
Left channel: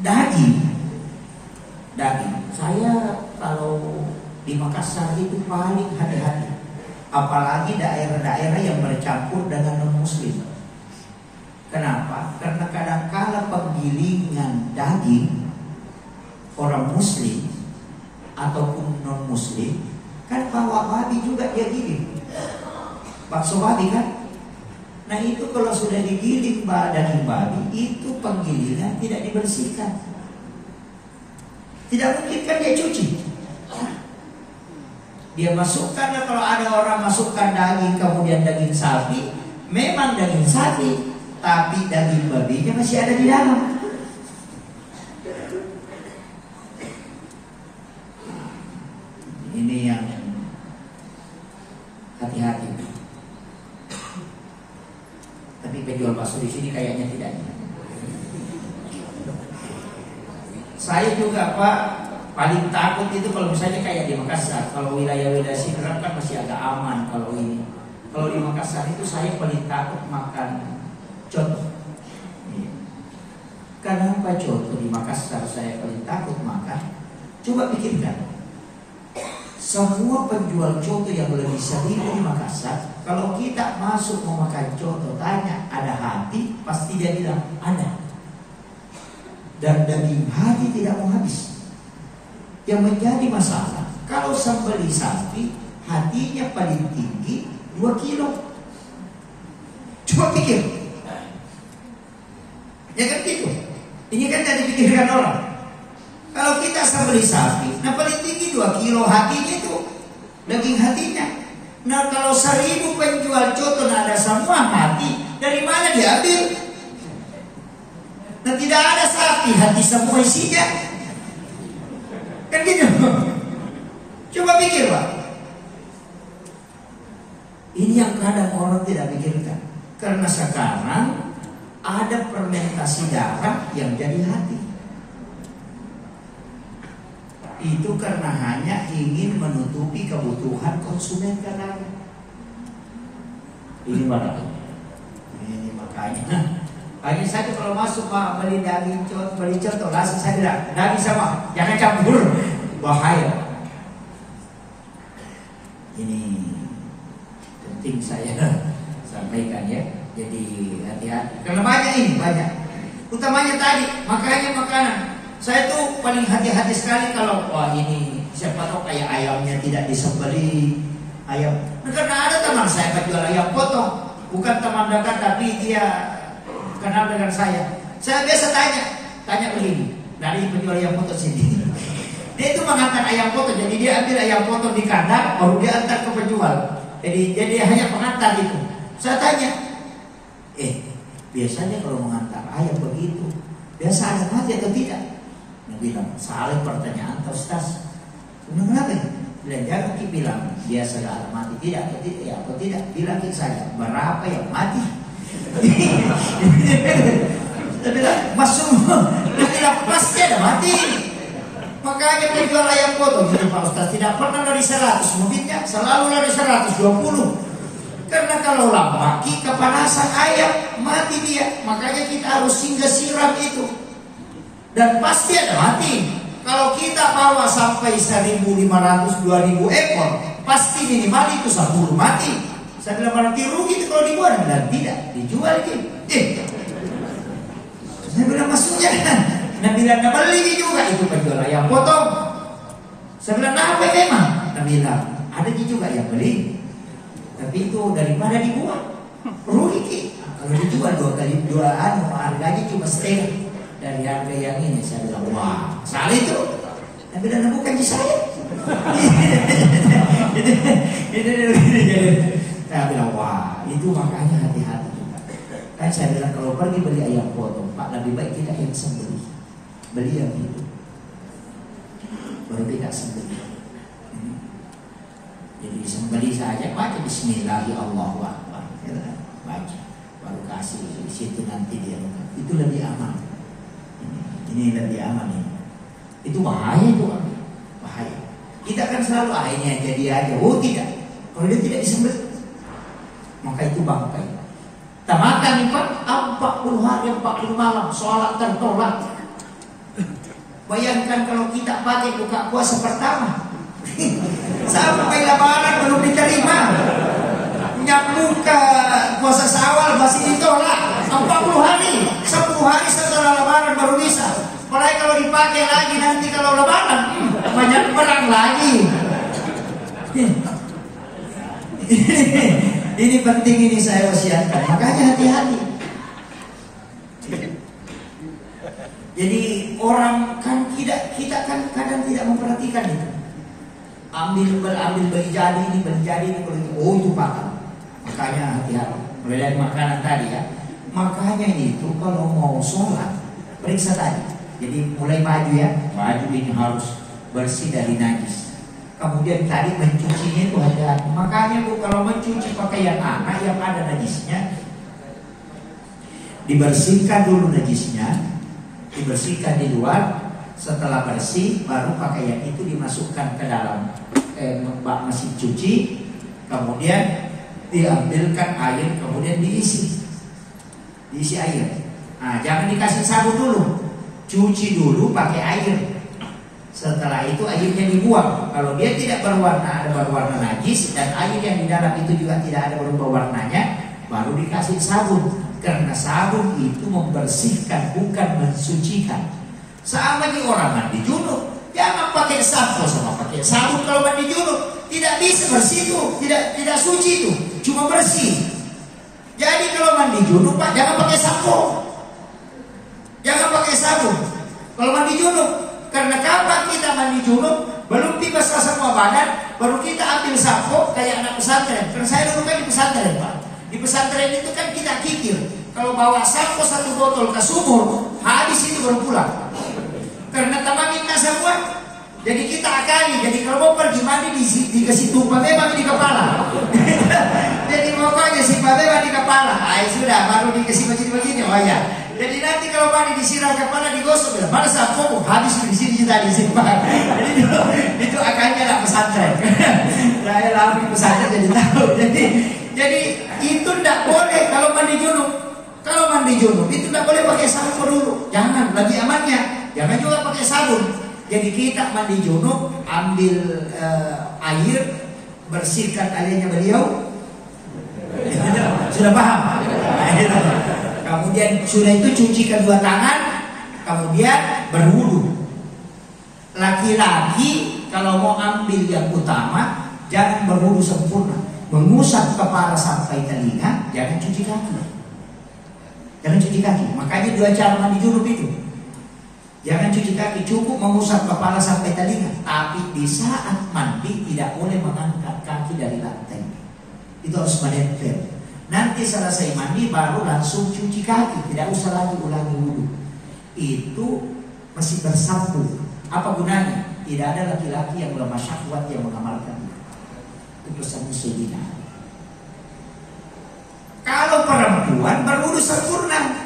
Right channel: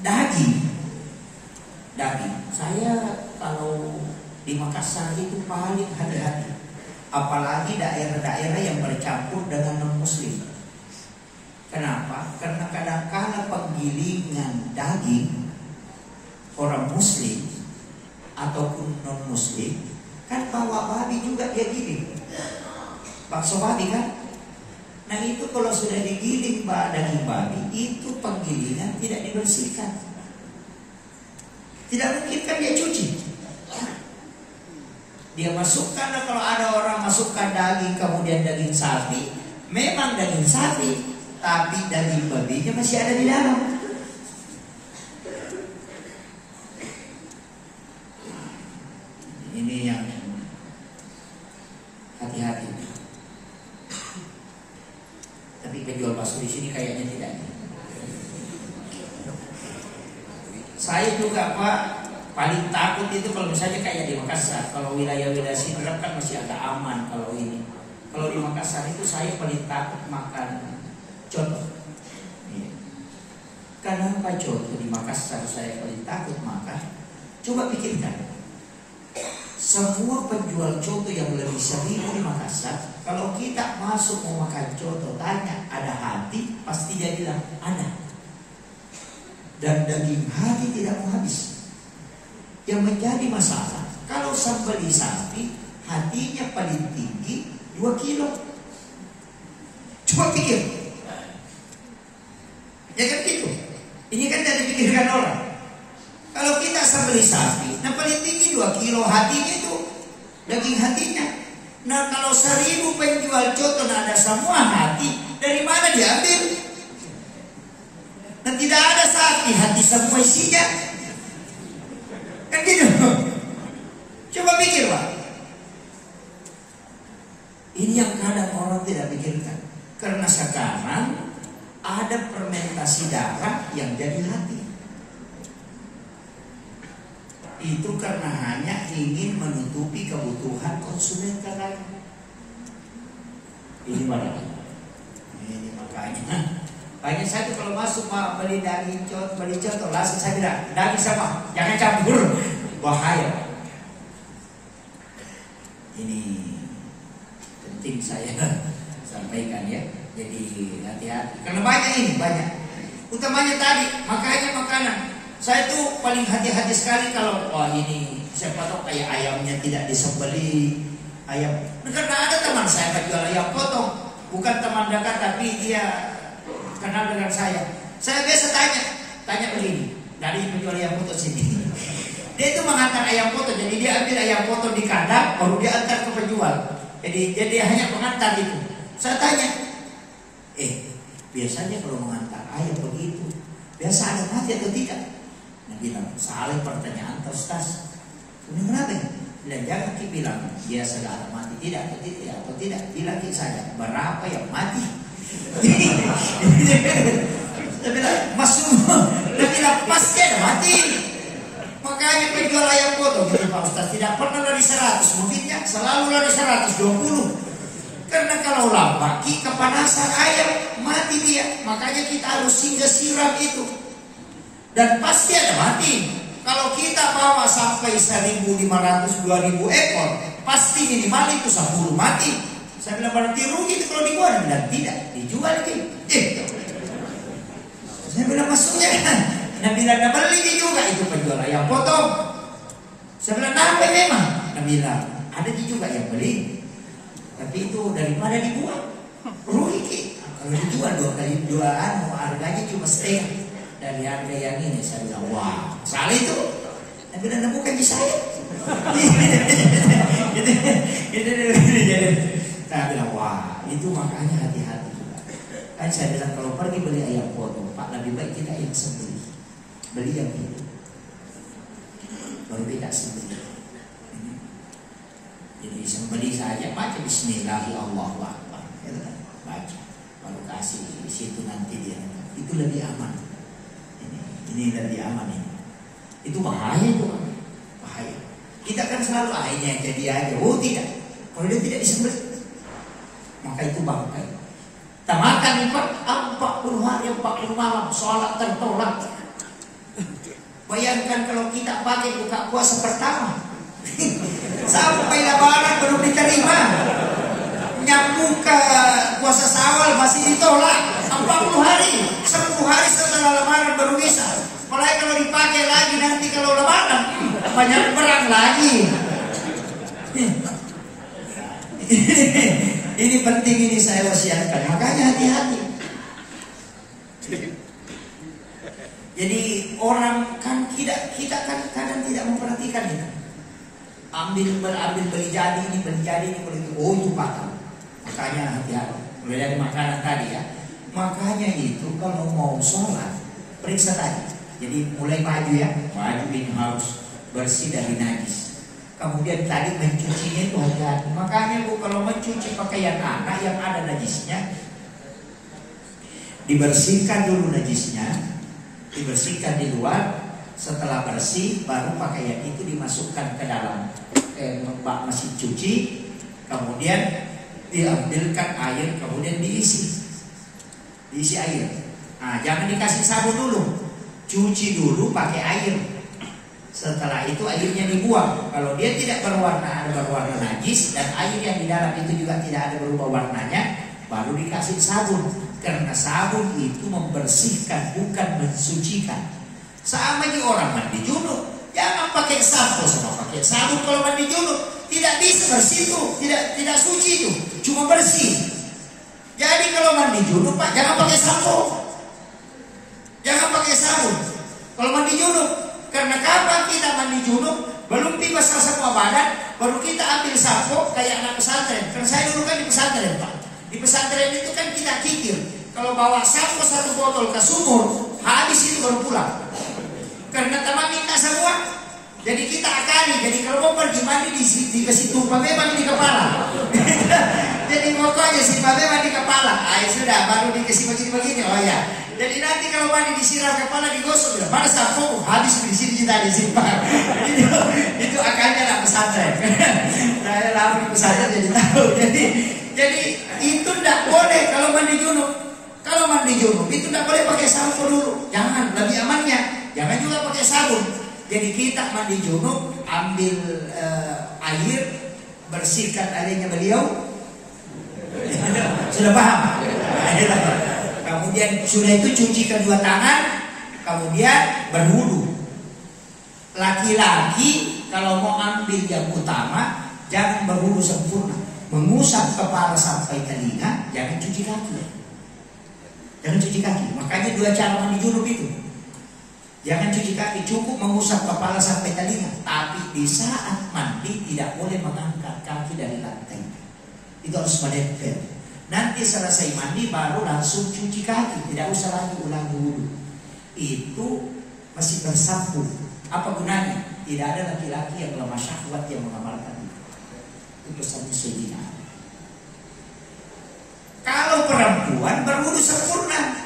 daging. Saya kalau di Makassar itu paling hati-hati, apalagi daerah-daerah yang bercampur dengan non-muslim. Kenapa? Karena kadang-kadang penggilingan daging orang muslim ataupun non-muslim kan bawa babi juga dia giling, bakso babi kan. Nah itu kalau sudah digiling daging babi, itu penggilingan tidak dibersihkan. Tidak mungkin kan dia cuci. Dia masukkan, kalau ada orang masukkan daging, kemudian daging sapi, memang daging sapi, tapi daging babinya masih ada di dalam. Ini yang hati-hati. Tapi penjual bakso di sini kayaknya tidak. Saya juga Pak paling takut itu kalau misalnya kayak di Makassar. Kalau wilayah-wilayah sini kan masih agak aman kalau ini. Kalau di Makassar itu saya paling takut makan coto. Kenapa coto di Makassar saya paling takut makan? Coba pikirkan. Semua penjual coto yang lebih sering di Makassar, kalau kita masuk mau makan coto, tanya ada hati, pasti dia bilang ada. Dan daging hati tidak mau habis. Yang menjadi masalah, kalau sambal sapi hatinya paling tinggi 2 kilo. Coba pikir. Ya kan gitu. Ini kan jadi pikirkan orang. Kalau kita sambal sapi, nah paling tinggi 2 kilo hatinya itu, daging hatinya. Nah kalau 1000 penjual coto nah ada semua hati, dari mana diambil? Nah tidak ada sapi hati semua isinya. Kan gitu. Coba pikir Pak. Ini yang kadang orang tidak pikirkan. Karena sekarang ada fermentasi darah yang jadi hati. Itu karena hanya ingin menutupi kebutuhan konsumen terlalu. Ini mana? Ini makanya. Hanya saja kalau masuk Pak beli contoh langsung saya bilang daging sama, jangan campur, bahaya. Ini penting saya sampaikan ya. Jadi hati-hati. Karena banyak ini banyak. Utamanya tadi makanya makanan. Saya tuh paling hati-hati sekali kalau wah ini siapa tahu kayak ayamnya tidak disembeli ayam. Nah, karena ada teman saya jual ayam potong, bukan teman dekat tapi dia kenal dengan saya. Saya biasa tanya begini dari penjual ayam potong sini. Dia itu mengantar ayam potong, jadi dia ambil ayam potong di kandang, baru dia antar ke penjual. Jadi dia hanya pengantar itu. Saya tanya, biasanya kalau mengantar ayam begitu, biasa ada mati atau tidak? Nah bilang, salah pertanyaan Ustaz. Kenapa? Bilang jangan bilang biasa ada mati tidak atau tidak ya atau tidak. Bilang saya berapa yang mati? Dia bilang masuk, dia bilang pasti ada mati. Makanya penjual ayam potong jadi Pak Ustaz tidak pernah dari 100, mungkinnya selalu dari 120. Karena kalau lambat kepanasan ayam mati dia. Makanya kita harus singgah siram itu. Dan pasti ada mati. Kalau kita bawa sampai 1.500, 2.000 ekor, pasti minimal itu 10 mati. Saya bilang berarti rugi itu kalau dibuat. Dan tidak, dijual gitu. Saya bilang maksudnya, nah bilang nah beli juga itu penjual ayam potong. Saya bilang nah apa memang? Nah bilang ada juga yang beli. Tapi itu daripada dibuat rugi. Kalau dijual 2 kali 2 harganya cuma setengah dari harga yang ini. Saya bilang wah salah itu. Saya bilang bukan di saya. Saya bilang wah itu makanya hati-hati. Kan saya bilang kalau pergi beli ayam potong Pak lebih baik kita yang sembelih. Beli yang itu baru tidak sembelih. Jadi sembelih saja baca Bismillahirrahmanirrahim, baca baru kasih di situ nanti dia itu lebih aman. Ini lebih aman ini. Itu bahaya itu kan, bahaya. Kita kan selalu akhirnya jadi aja, oh tidak. Kalau dia tidak disembelih, maka itu bangkai. Kita makan Pak 40 hari 40 malam sholat tertolak. Bayangkan kalau kita pakai buka puasa pertama sampai lebaran belum diterima, nyambung ke puasa Syawal masih ditolak 40 hari, 10 hari setelah lebaran baru bisa. Mulai kalau dipakai lagi nanti kalau lebaran banyak perang lagi. Ini penting, ini saya wasiatkan. Makanya hati-hati. Jadi orang kan kita kan kadang tidak memperhatikan itu. Ambil beli jadi ini kalau itu oh itu pakar. Makanya hati-hati. Mulai dari makanan tadi ya. Makanya itu kalau mau sholat periksa tadi. Jadi mulai maju ya, maju ini harus bersih dari najis. Kemudian tadi mencucinya itu hati-hati. Makanya Bu, kalau mencuci pakaian anak yang ada najisnya, dibersihkan dulu najisnya, dibersihkan di luar. Setelah bersih, baru pakaian itu dimasukkan ke dalam mesin cuci. Kemudian diambilkan air, kemudian diisi air. Nah, jangan dikasih sabun dulu, cuci dulu pakai air. Setelah itu airnya dibuang. Kalau dia tidak berwarna, ada berwarna najis, dan air yang di dalam itu juga tidak ada berubah warnanya, baru dikasih sabun. Karena sabun itu membersihkan, bukan mensucikan. Sama di orang mandi junub, jangan pakai sampo sama pakai sabun. Kalau mandi junub tidak bisa bersih itu, tidak suci itu, cuma bersih. Jadi kalau mandi junub Pak, jangan pakai sampo, jangan pakai sabun. Kalau mandi junub, karena kapan kita mandi junub belum basah semua badan, baru kita ambil sampo kayak anak pesantren. Karena saya dulu kan di pesantren Pak. Di pesantren itu kan kita kikir, kalau bawa sampo 1 botol ke sumur, habis itu baru pulang. Karena tamangin semua. Jadi kita akali. Jadi kalau mau pergi mandi dikasih tumpah memang di kepala. Jadi pokoknya simpah memang di kepala. Sudah baru dikasih macam begini. Oh ya. Jadi nanti kalau mandi disiram kepala digosok, mana sampo habis di sini kita disimpan. Itu akalnya lah pesantren. Saya lama di pesantren jadi tahu. Jadi itu tidak boleh kalau mandi junub. Kalau mandi junub itu tidak boleh pakai sampo dulu. Jangan, lebih amannya. Jangan juga pakai sabun. Jadi kita mandi junub, ambil air, bersihkan airnya beliau. Sudah paham? Kemudian sudah itu cuci kedua tangan, kemudian berwudu. Laki-laki kalau mau ambil yang utama, jangan berwudu sempurna. Mengusap kepala sampai telinga, jangan cuci kaki. Jangan cuci kaki. Makanya 2 cara mandi junub itu. Jangan cuci kaki, cukup mengusap kepala sampai telinga. Tapi di saat mandi tidak boleh mengangkat kaki dari lantai. Itu harus menempel. Nanti selesai mandi baru langsung cuci kaki, tidak usah lagi ulangi wudu. Itu masih bersambung. Apa gunanya? Tidak ada laki-laki yang lemah syahwat yang mengamalkan itu pesan Sayyidina. Kalau perempuan berwudu sempurna.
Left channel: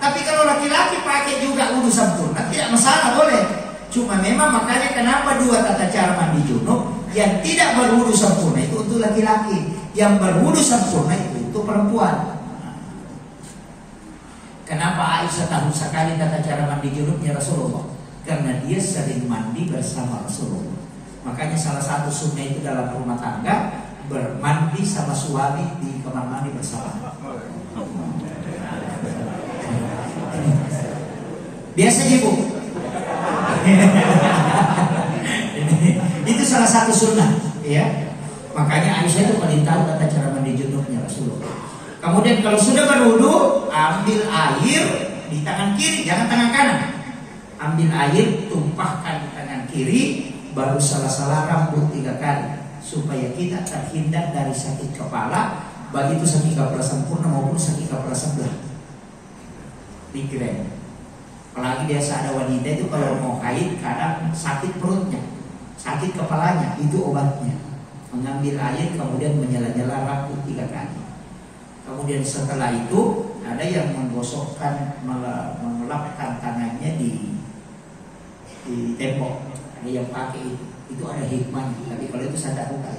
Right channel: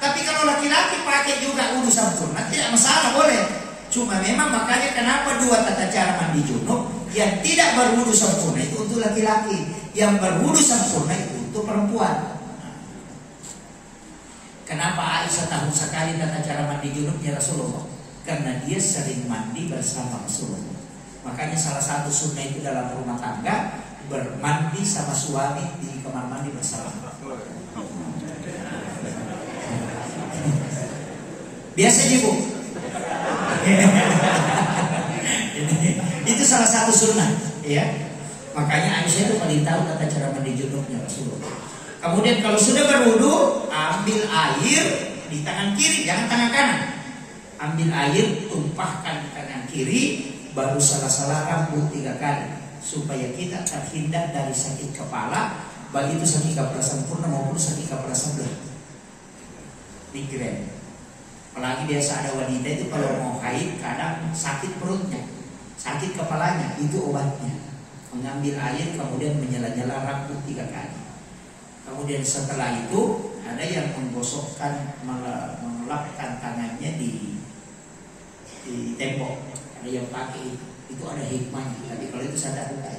Tapi kalau laki-laki pakai juga wudu sempurna, tidak masalah, boleh. Cuma memang makanya kenapa 2 tata cara mandi junub. Yang tidak berwudu sempurna itu untuk laki-laki, yang berwudu sempurna itu untuk perempuan. Kenapa Aisyah tahu sekali tata cara mandi junubnya Rasulullah? Karena dia sering mandi bersama Rasulullah. Makanya salah satu sunnah itu dalam rumah tangga, bermandi sama suami di kamar mandi bersama. Biasanya Bu. Itu salah satu sunnah, ya. Makanya Aisyah itu paling tahu tata cara mandi junubnya Rasulullah. Kemudian kalau sudah berwudu, ambil air di tangan kiri, jangan tangan kanan. Ambil air, tumpahkan di tangan kiri, baru salah-salah rambut 3 kali, supaya kita terhindar dari sakit kepala, baik itu sakit kepala sempurna maupun sakit kepala sebelah. Migrain. Apalagi biasa ada wanita itu kalau mau haid kadang sakit perutnya, sakit kepalanya, itu obatnya. Mengambil air kemudian menyela-nyela rambut 3 kali. Kemudian setelah itu ada yang menggosokkan, mengelapkan tangannya di tembok. Ada yang pakai itu ada hikmahnya. Tapi kalau itu saya tak buka.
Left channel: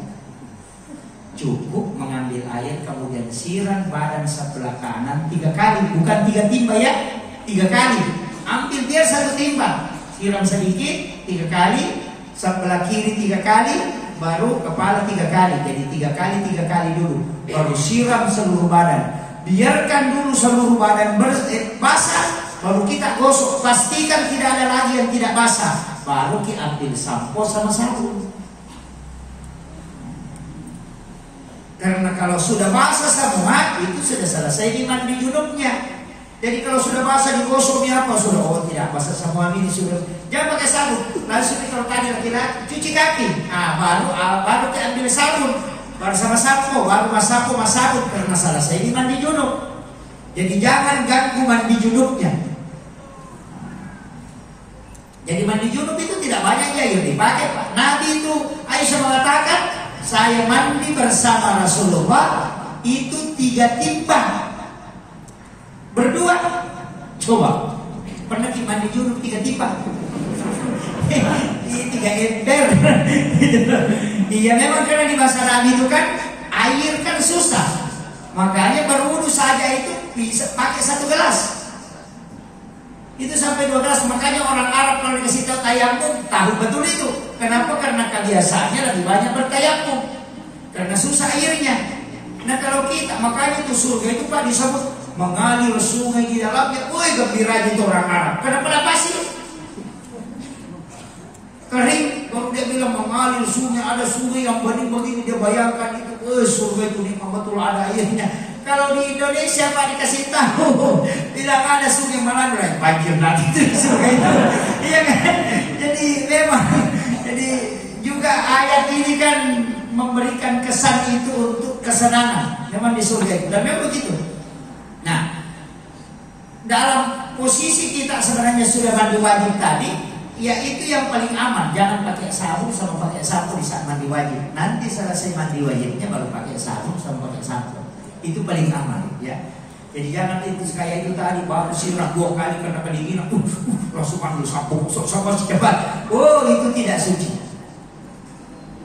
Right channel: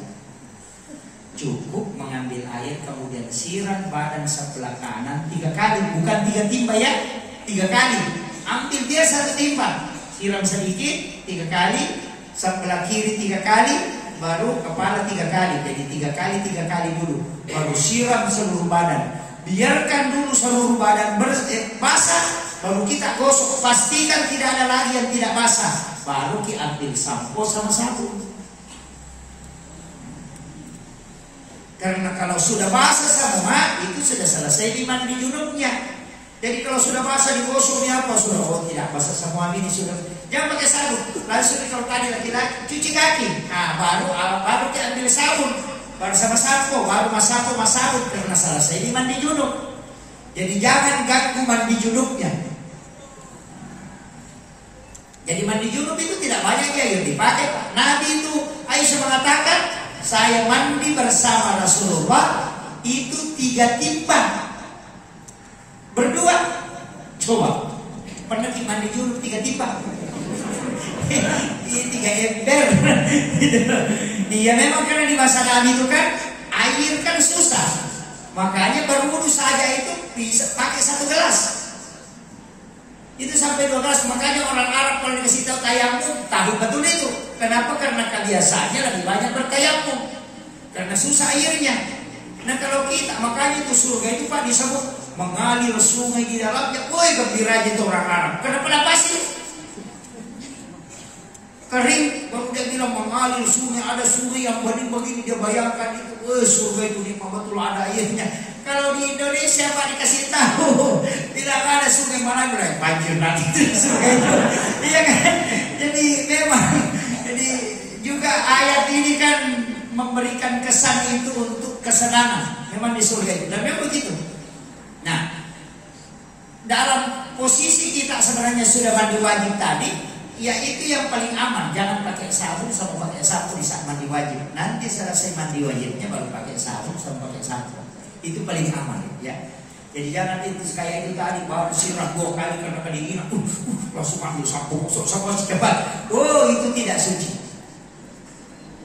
Cukup mengambil air kemudian siram badan sebelah kanan 3 kali, bukan 3 timba ya, 3 kali. Ambil dia 1 timba, siram sedikit 3 kali, sebelah kiri 3 kali, baru kepala 3 kali. Jadi 3 kali dulu, baru siram seluruh badan. Biarkan dulu seluruh badan basah, baru kita gosok. Pastikan tidak ada lagi yang tidak basah, baru kita ambil sampo sama sabun. Karena kalau sudah basah semua, itu sudah selesai di mandi junubnya. Jadi kalau sudah basah digosoknya apa? Sudah, oh tidak basah semua ini sudah. Jangan pakai sabun. Langsung kalau tadi laki-laki cuci kaki. Nah baru kita ambil sabun, baru sama sampo, baru mas sabun karena selesai di mandi junub. Jadi jangan ganggu mandi junubnya. Jadi mandi junub itu tidak banyak ya yang dipakai, Pak. Nabi itu, Aisyah mengatakan, saya mandi bersama Rasulullah itu 3 timbang. Berdua. Coba, pernah mandi junub 3 timbang? Ini 3 ember. Iya, memang karena di masa Nabi itu kan air kan susah. Makanya berwudu saja itu bisa pakai 1 gelas. Itu sampai 2 gelas. Makanya orang Arab kalau dikasih tahu tayamum, tahu betul itu. Kenapa? Karena kebiasaannya lebih banyak bertayamum. Karena susah airnya. Nah kalau kita, makanya itu surga itu Pak disebut mengalir sungai di dalamnya. Woi, gembira itu orang Arab. Kenapa pasir? Kering, baru dia bilang mengalir sungai, ada sungai yang begini dia bayangkan itu, surga itu nikmat betul ada airnya. Kalau di Indonesia Pak dikasih tahu, bilang ada sungai mana berarti banjir nanti itu sungai itu, iya kan? Jadi memang, jadi juga ayat ini kan memberikan kesan itu untuk kesenangan, memang di surga itu, dan memang begitu. Nah, dalam posisi kita sebenarnya sudah mandi wajib tadi. Ya itu yang paling aman. Jangan pakai sabun sama pakai sampo di saat mandi wajib. Nanti selesai mandi wajibnya baru pakai sabun sama pakai sampo. Itu paling aman ya. Jadi jangan itu kayak itu tadi baru sirah 2 kali karena kedinginan. Langsung panggil sampo sama cepat. Oh itu tidak suci.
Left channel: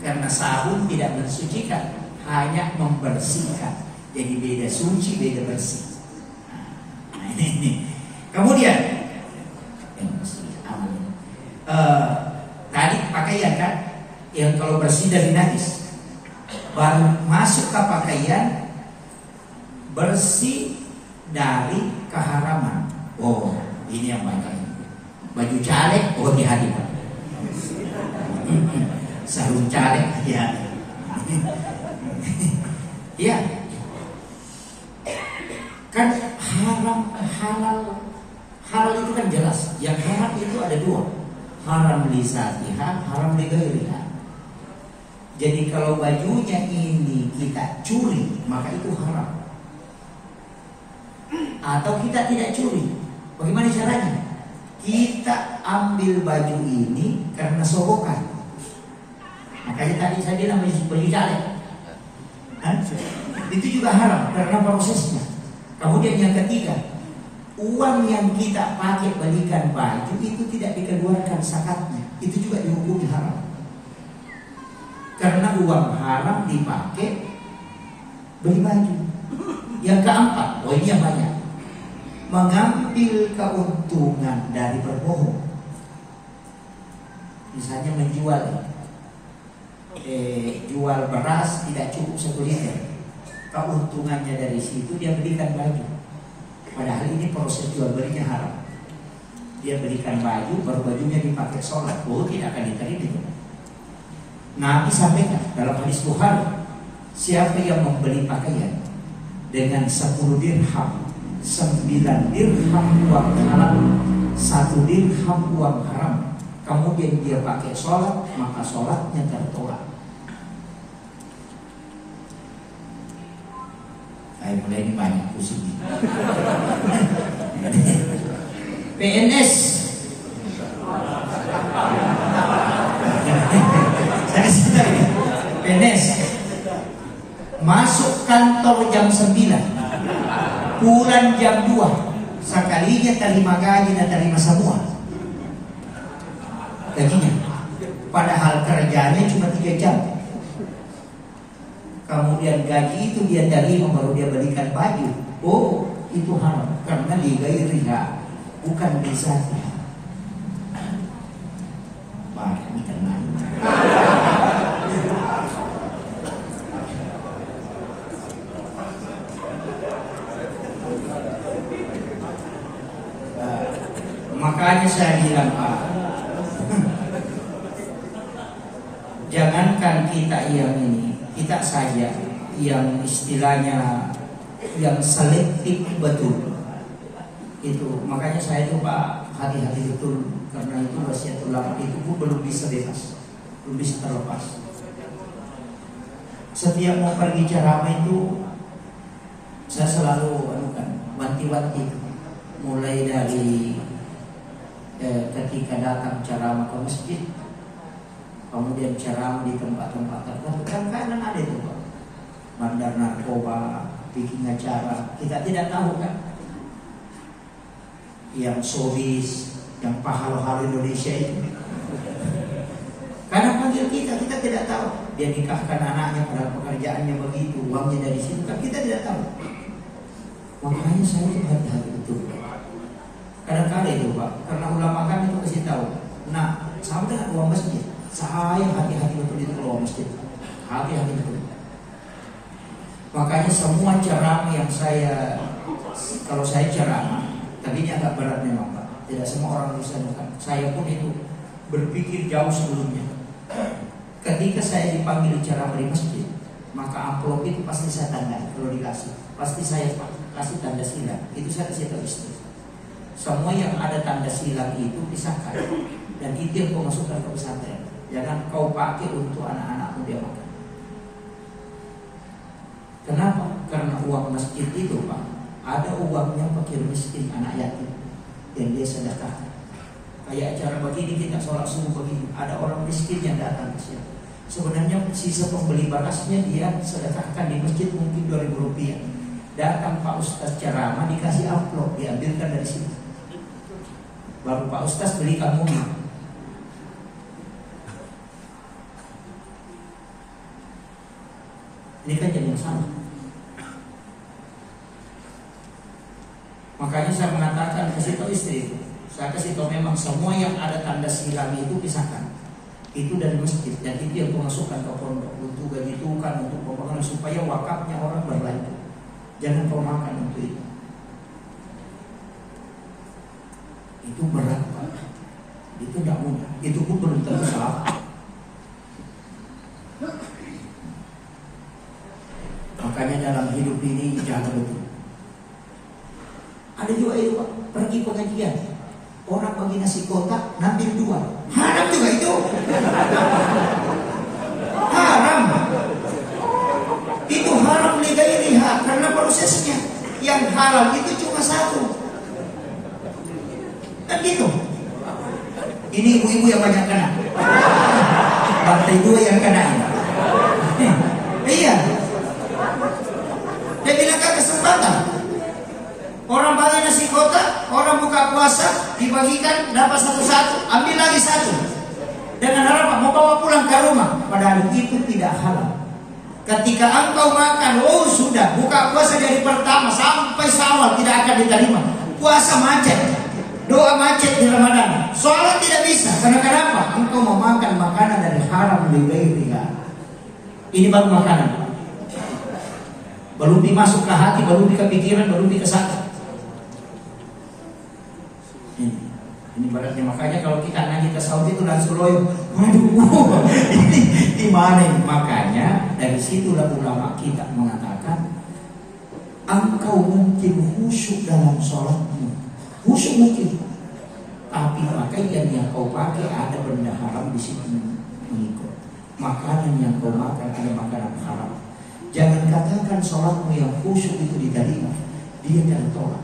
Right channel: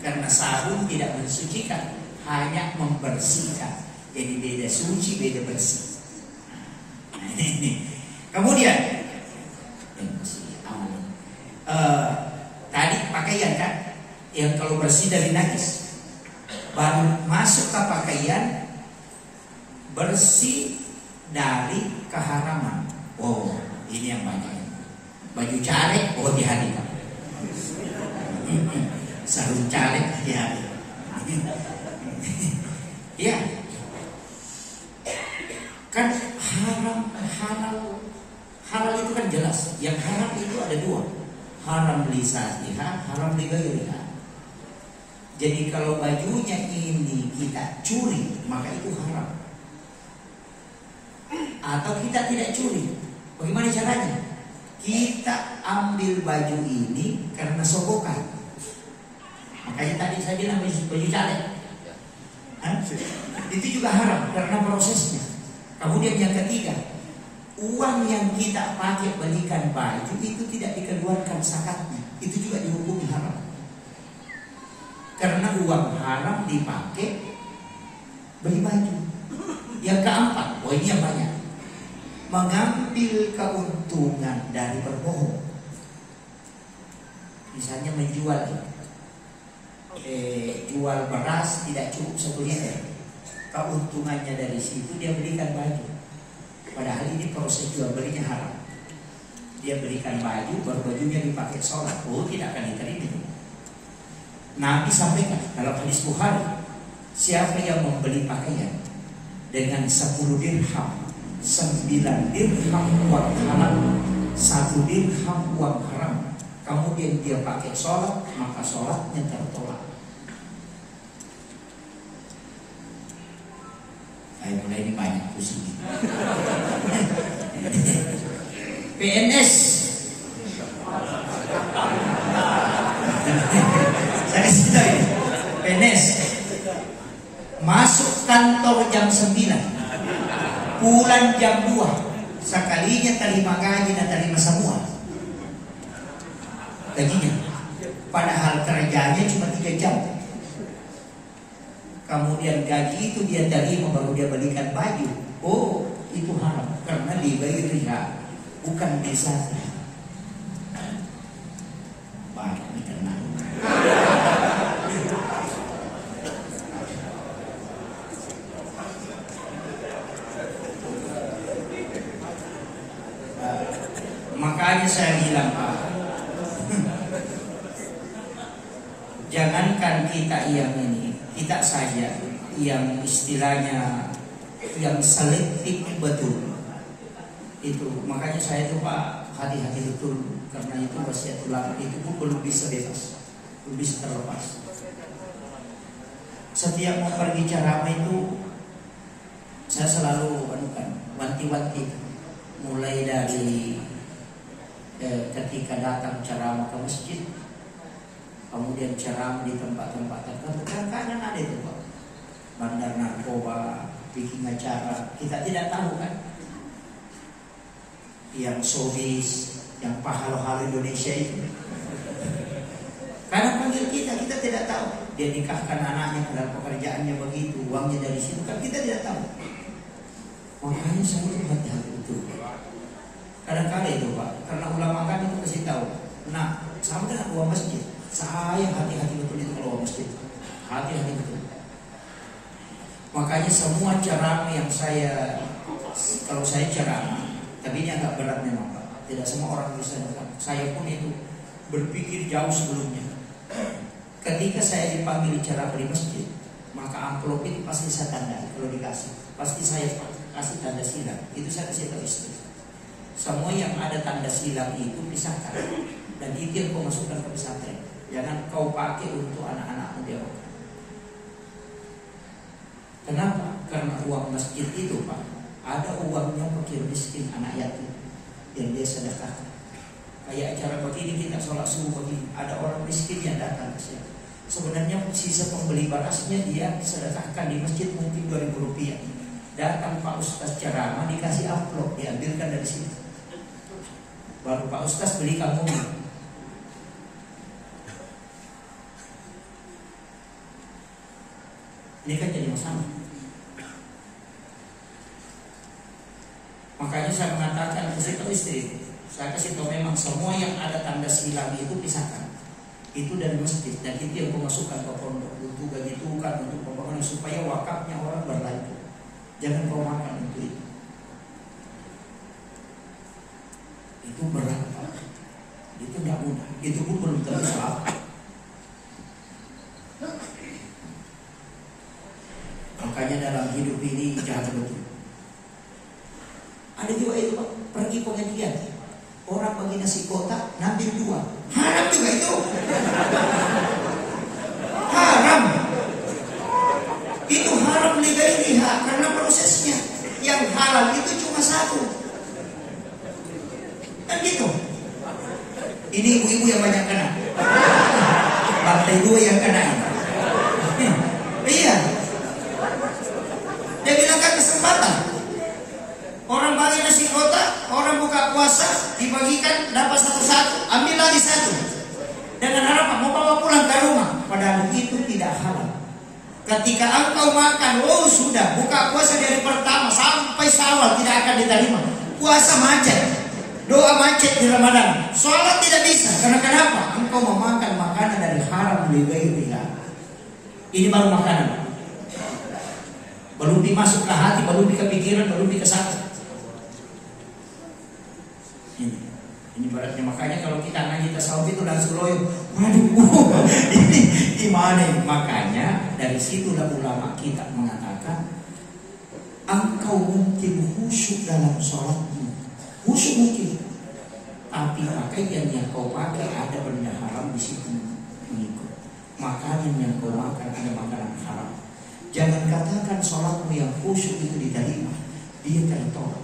Karena sabun tidak mensucikan, hanya membersihkan. Jadi beda suci, beda bersih. Nah, ini. Kemudian tadi pakaian kan yang kalau bersih dari najis, baru masuk ke pakaian bersih dari keharaman. Oh ini yang banyak. Baju caleg, oh hati-hati Pak. Sarung caleg, hati-hati. Iya. Kan halal itu kan jelas. Yang haram itu ada 2. Haram lisatiha, haram lighairiha. Jadi kalau bajunya ini kita curi, maka itu haram. Atau kita tidak curi, bagaimana caranya? Kita ambil baju ini karena sogokan. Makanya tadi saya bilang baju caleg, itu juga haram karena prosesnya. Kemudian yang ketiga, uang yang kita pakai belikan baju itu tidak dikeluarkan zakatnya, itu juga dihukumi haram. Karena uang haram dipakai beli baju. Yang keempat, oh ini yang banyak, mengambil keuntungan dari berbohong. Misalnya menjual, jual beras tidak cukup 1 liter, keuntungannya dari situ dia belikan baju. Padahal ini proses jual belinya haram. Dia belikan baju, baru bajunya dipakai sholat. Oh tidak akan diterima. Nabi sampaikan dalam hadis Bukhari, siapa yang membeli pakaian dengan 10 dirham, 9 dirham uang halal, 1 dirham uang haram, kemudian dia pakai sholat, maka sholatnya tertolak. Mulai ini banyak pusing. PNS. Saya sedang PNS masuk kantor jam 9, pulang jam 2, sekalinya terima gaji dan terima semua gajinya. Padahal kerjanya cuma 3 jam. Kemudian gaji itu dia terima baru dia belikan baju. Oh itu haram karena lighairiha, bukan bisa. Makanya saya bilang jangankan kita yang ini, kita saja yang istilahnya yang selektif betul itu. Makanya saya itu Pak hati-hati betul, karena itu wasiatul lama itu pun belum bisa bebas, belum bisa terlepas. Setiap mau pergi ceramah itu saya selalu anukan wanti-wanti, mulai dari ketika datang ceramah ke masjid, kemudian ceramah di tempat-tempat tertentu. Kadang-kadang ada itu Pak, bandar narkoba, bikin acara, kita tidak tahu kan, yang showbiz, yang pahala-pahala Indonesia itu. Karena panggil kita tidak tahu. Dia nikahkan anaknya, padahal pekerjaannya begitu, uangnya dari situ, kan kita tidak tahu. Makanya saya itu hati-hati betul. Kadang-kadang itu Pak, karena ulama kami itu kasih tahu, nah sama dengan uang masjid, saya hati-hati betul itu kalau uang masjid, hati-hati betul. Makanya semua ceramah yang kalau saya ceramah, tapi ini agak berat memang Pak, tidak semua orang bisa dengar. Saya pun itu berpikir jauh sebelumnya. Ketika saya dipanggil ceramah di masjid, maka amplop itu pasti saya tanda, kalau dikasih, pasti saya kasih tanda silang. Itu saya kasih tahu istri. Semua yang ada tanda silang itu pisahkan, dan itu yang kau masukkan ke pesantren. Jangan kau pakai untuk anak-anakmu dia pakai. Kenapa? Karena uang masjid itu Pak, ada uangnya fakir miskin, anak yatim yang dia sedekahkan. Kayak acara begini, kita sholat subuh begini, ada orang miskin yang datang ke sini. Sebenarnya sisa pembeli bakasnya dia sedekahkan di masjid mungkin Rp2.000. Datang Pak Ustaz ceramah, dikasih amplop, diambilkan dari sini. Baru Pak Ustaz beli kamu. Ini kan jadi yang sama. Makanya saya mengatakan, kasih tahu istri, saya kasih tahu memang semua yang ada tanda silang itu pisahkan. Itu dari masjid, dan itu yang memasukkan ke pondok untuk gaji tukang, untuk pembangunan, supaya wakafnya orang berlanjut. Jangan kau makan untuk itu. Itu berat Pak. Itu tidak mudah. Itu pun belum tentu salah. Makanya dalam hidup ini jangan begitu. Ada juga itu Pak, pergi pengajian, orang bagi nasi kotak, ngambil 2. Haram juga itu. Haram. Itu haram lihat karena prosesnya. Yang halal itu cuma 1. Kan gitu. Ini ibu-ibu yang banyak kena. Lantai 2 yang kena. Iya. Dia bilang kan kesempatan. Orang bagi nasi kotak, orang buka puasa, dibagikan dapat 1-1, ambil lagi 1. Dengan harapan mau bawa pulang ke rumah. Padahal itu tidak halal. Ketika engkau makan, oh sudah, buka puasa dari pertama sampai Syawal tidak akan diterima. Puasa macet, doa macet di Ramadan, sholat tidak bisa. Karena kenapa? Engkau memakan makanan dari haram di baitullah. Ini baru makanan, belum dimasuk ke hati, belum di pikiran, belum di kesadaran. Ini baratnya. Makanya kalau kita ngaji tasawuf itu langsung loyo, waduh, ini gimana? Makanya dari situlah ulama kita mengatakan, engkau mungkin khusyuk dalam sholatmu, khusyuk mungkin, tapi pakaian yang kau pakai ada benda haram di situ mengikut. Makanan yang kau makan ada makanan haram. Jangan katakan sholatmu yang khusyuk itu diterima, dia tertolak.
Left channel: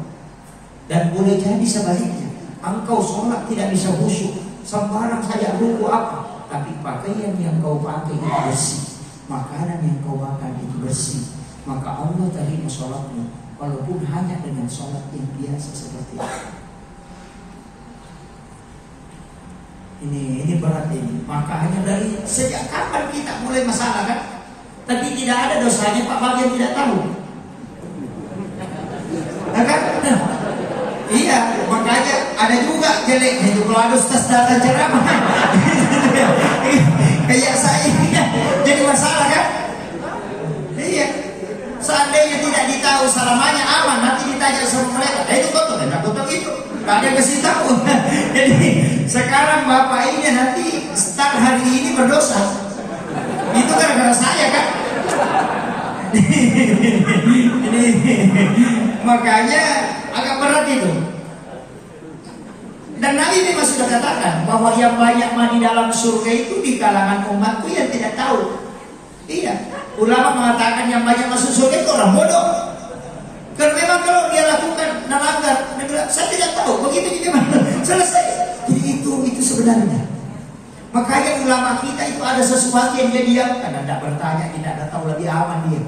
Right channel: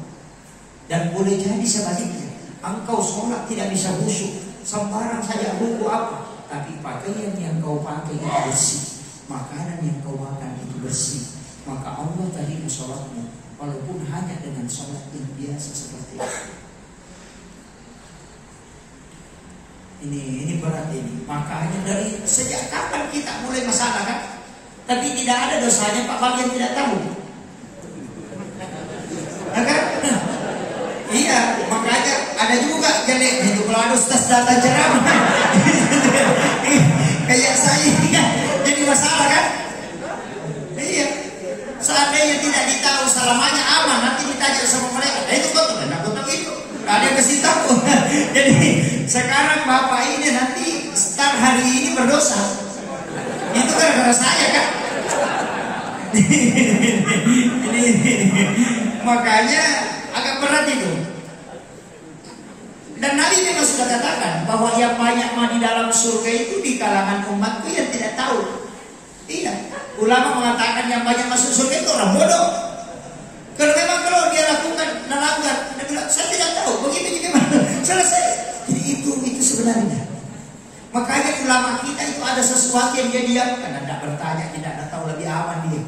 Dan boleh jadi sebaliknya. Engkau sholat tidak bisa khusyuk, sembarang saya buku apa, tapi pakaian yang kau pakai itu bersih, makanan yang kau makan itu bersih, maka Allah terima sholatmu, walaupun hanya dengan sholat yang biasa seperti itu. Ini berat ini. Makanya dari sejak kapan kita mulai masalah kan? Tapi tidak ada dosanya Pak bagi yang tidak tahu. Iya, makanya ada juga jelek itu kalau ada ustaz datang ceramah. Kayak saya ini kan jadi masalah kan? Iya. Seandainya tidak ditahu selamanya aman, nanti ditanya sama mereka, itu kotor, kotor itu. Gak ada yang kasih tahu. Jadi sekarang bapak ini nanti start hari ini berdosa. Itu gara-gara saya kan? Makanya agak berat itu. Dan Nabi memang sudah katakan bahwa yang banyak mandi dalam surga itu di kalangan umatku yang tidak tahu. Iya, ulama mengatakan yang banyak masuk surga itu orang bodoh. Karena memang kalau dia lakukan melanggar, dia bilang saya tidak tahu, begitu gimana? Selesai. Itu sebenarnya. Makanya ulama kita itu ada sesuatu yang dia diamkan, tidak bertanya, tidak tahu, lebih aman dia.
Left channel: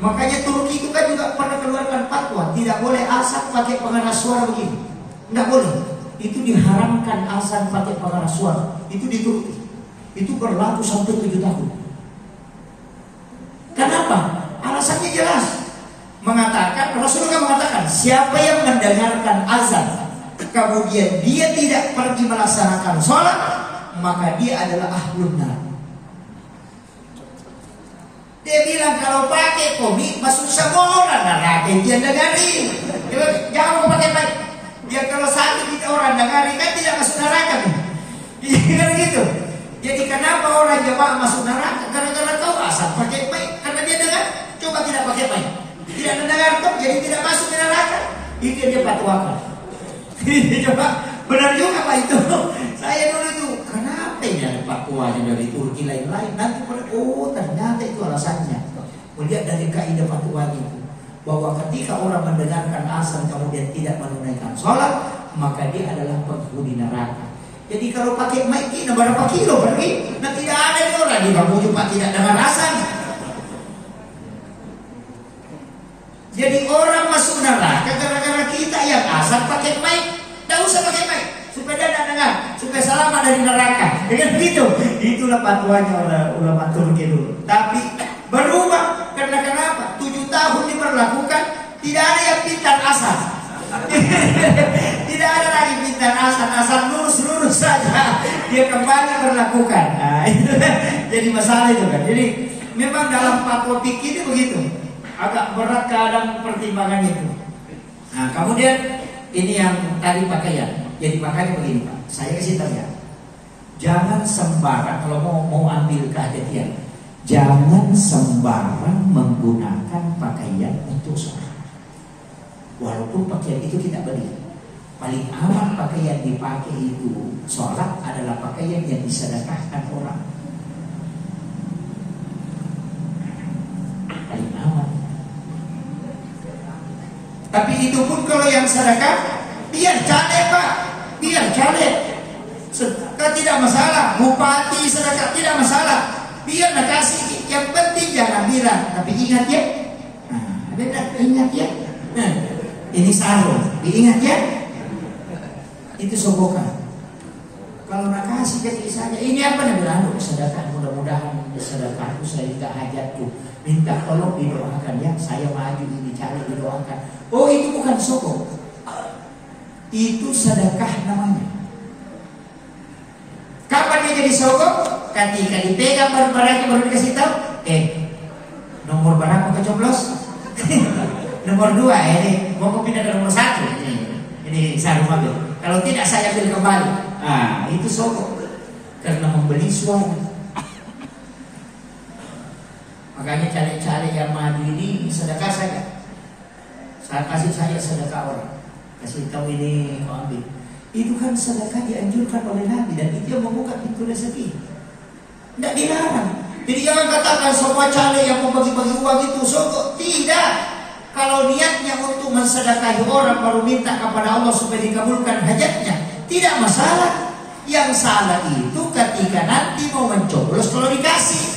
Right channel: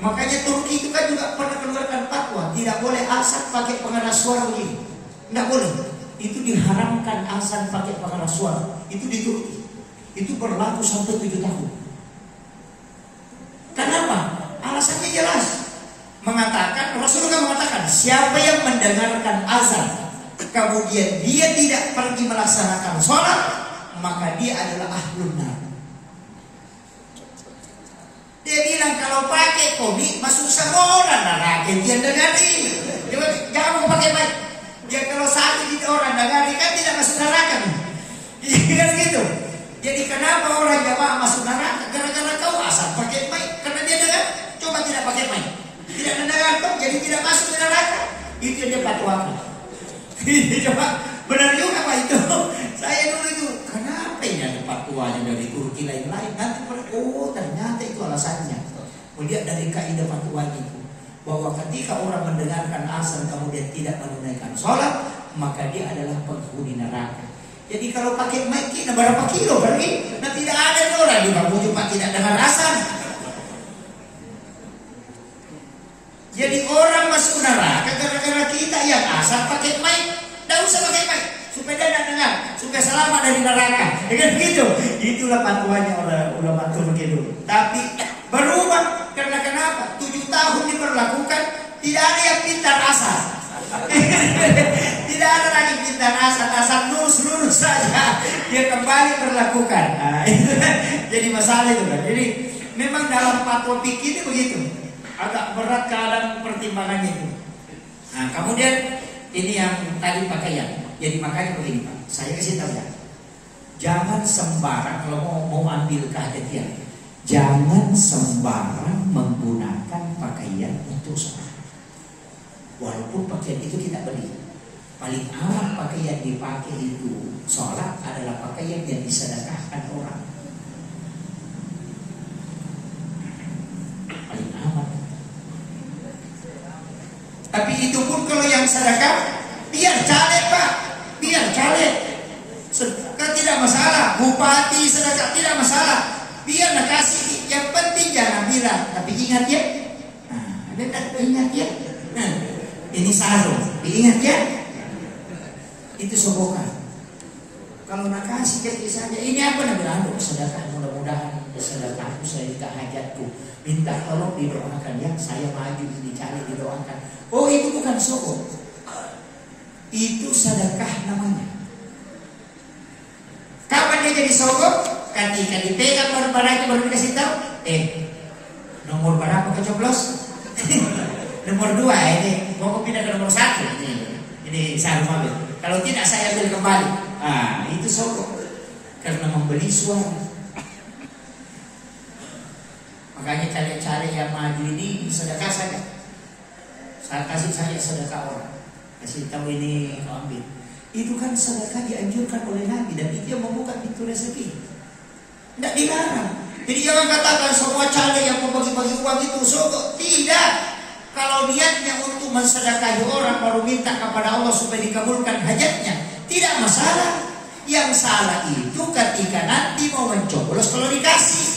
Makanya Turki itu kan juga pernah keluarkan fatwa tidak boleh azan pakai pengeras suara begini, tidak boleh. Itu diharamkan azan pakai pengeras suara. Itu di Turki. Itu berlaku sampai 7 tahun. Kenapa? Alasannya jelas. Rasulullah mengatakan, siapa yang mendengarkan azan kemudian dia tidak pergi melaksanakan sholat, maka dia adalah ahlun nar. Dia bilang kalau pakai komik masuk semua orang neraka. Dia dengarin. Jangan pakai mic. Ya kalau satu kita orang dengarin kan tidak masuk neraka nih. Kan gitu. Jadi kenapa orang jamaah masuk neraka? Karena kau asal pakai mic. Karena dia dengar. Coba tidak pakai mic. Tidak mendengar kau, jadi tidak masuk ke neraka. Itu yang dia fatwakan. Coba benar juga Pak itu. Saya dulu itu kenapa ya fatwanya dari Turki lain-lain. Nanti ternyata itu alasannya. Melihat dari kaidah fatwa itu bahwa ketika orang mendengarkan azan kemudian tidak menunaikan sholat, maka dia adalah penghuni neraka. Jadi kalau pakai mic ini berapa kilo berarti? Nah tidak ada orang di bawah cuma tidak dengar azan. Jadi orang masuk neraka gara-gara kita yang azan pakai mic. Tidak usah pakai mic supaya dia tidak dengar, supaya selamat dari neraka. Dengan begitu, itulah fatwanya ulama Turki dulu. Tapi berubah karena kenapa? 7 tahun diberlakukan, tidak ada yang pintar azan. Tidak ada lagi pintar azan lurus saja. Dia kembali berlakukan. Nah, itu jadi masalah itu kan. Jadi memang dalam fatwa fikih itu begitu. Agak berat keadaan pertimbangannya itu. Nah, kemudian ini yang tadi pakaian. Jadi makanya begini Pak, saya kasih tahu ya. Jangan sembarang kalau mau ambil kehati-hatian. Jangan sembarang menggunakan pakaian untuk sholat. Walaupun pakaian itu tidak beli. Paling aman pakaian dipakai itu sholat adalah pakaian yang disedekahkan orang. Paling aman. Tapi itu pun kalau yang sedekah, biar caleg Pak, biar caleg. Sedekah tidak masalah, bupati sedekah tidak masalah. Biar nak kasih, yang penting jangan bilang. Tapi ingat ya, ingat ya. Ini sarung, diingat ya. Itu sobokan. Kalau nak kasih jadi saja, ini apa nih bilang? Sedekah, mudah-mudahan sedekahku saya tidak hajatku. Minta tolong didoakan ya, saya maju ini cari didoakan. Oh itu bukan sogok, itu sedekah namanya. Kapan dia jadi sogok? Ketika dipegang baru dikasih tahu. Nomor berapa kecoblos? Nomor 2 ini mau pindah ke nomor 1. Ini saya ambil. Kalau tidak saya ambil kembali. Itu sogok karena membeli suara. Makanya cari-cari yang maju ini sedekah saja. Saya kasih saya sedekah orang. Kasih tahu ini kau ambil. Itu kan sedekah dianjurkan oleh Nabi dan itu yang membuka pintu rezeki. Tidak dilarang. Jadi jangan katakan semua caleg yang membagi-bagi uang itu sogok. Tidak. Kalau niatnya untuk mensedekahi orang baru minta kepada Allah supaya dikabulkan hajatnya, tidak masalah. Yang salah itu ketika nanti mau mencoblos kalau dikasih.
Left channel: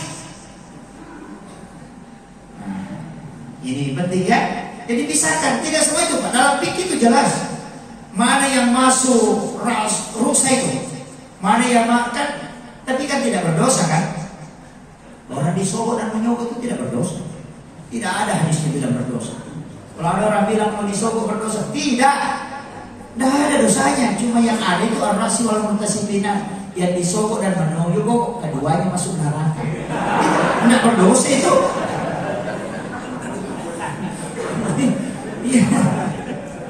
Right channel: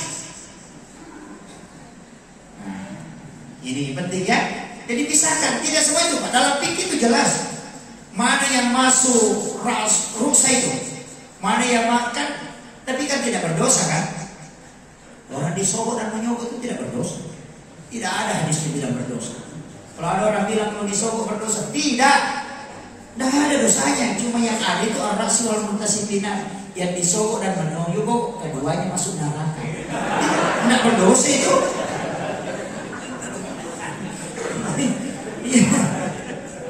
Ini penting ya. Jadi pisahkan, tidak semua itu. Dalam fikih itu jelas. Mana yang masuk rusa itu, mana yang makan. Tapi kan tidak berdosa kan? Orang disogok dan menyogok itu tidak berdosa. Tidak ada hadis yang bilang berdosa. Kalau ada orang bilang mau disogok berdosa, tidak ada dosanya. Cuma yang ada itu ar-rasul wal muntasibina, yang disogok dan menyogok keduanya masuk neraka. Tidak berdosa itu.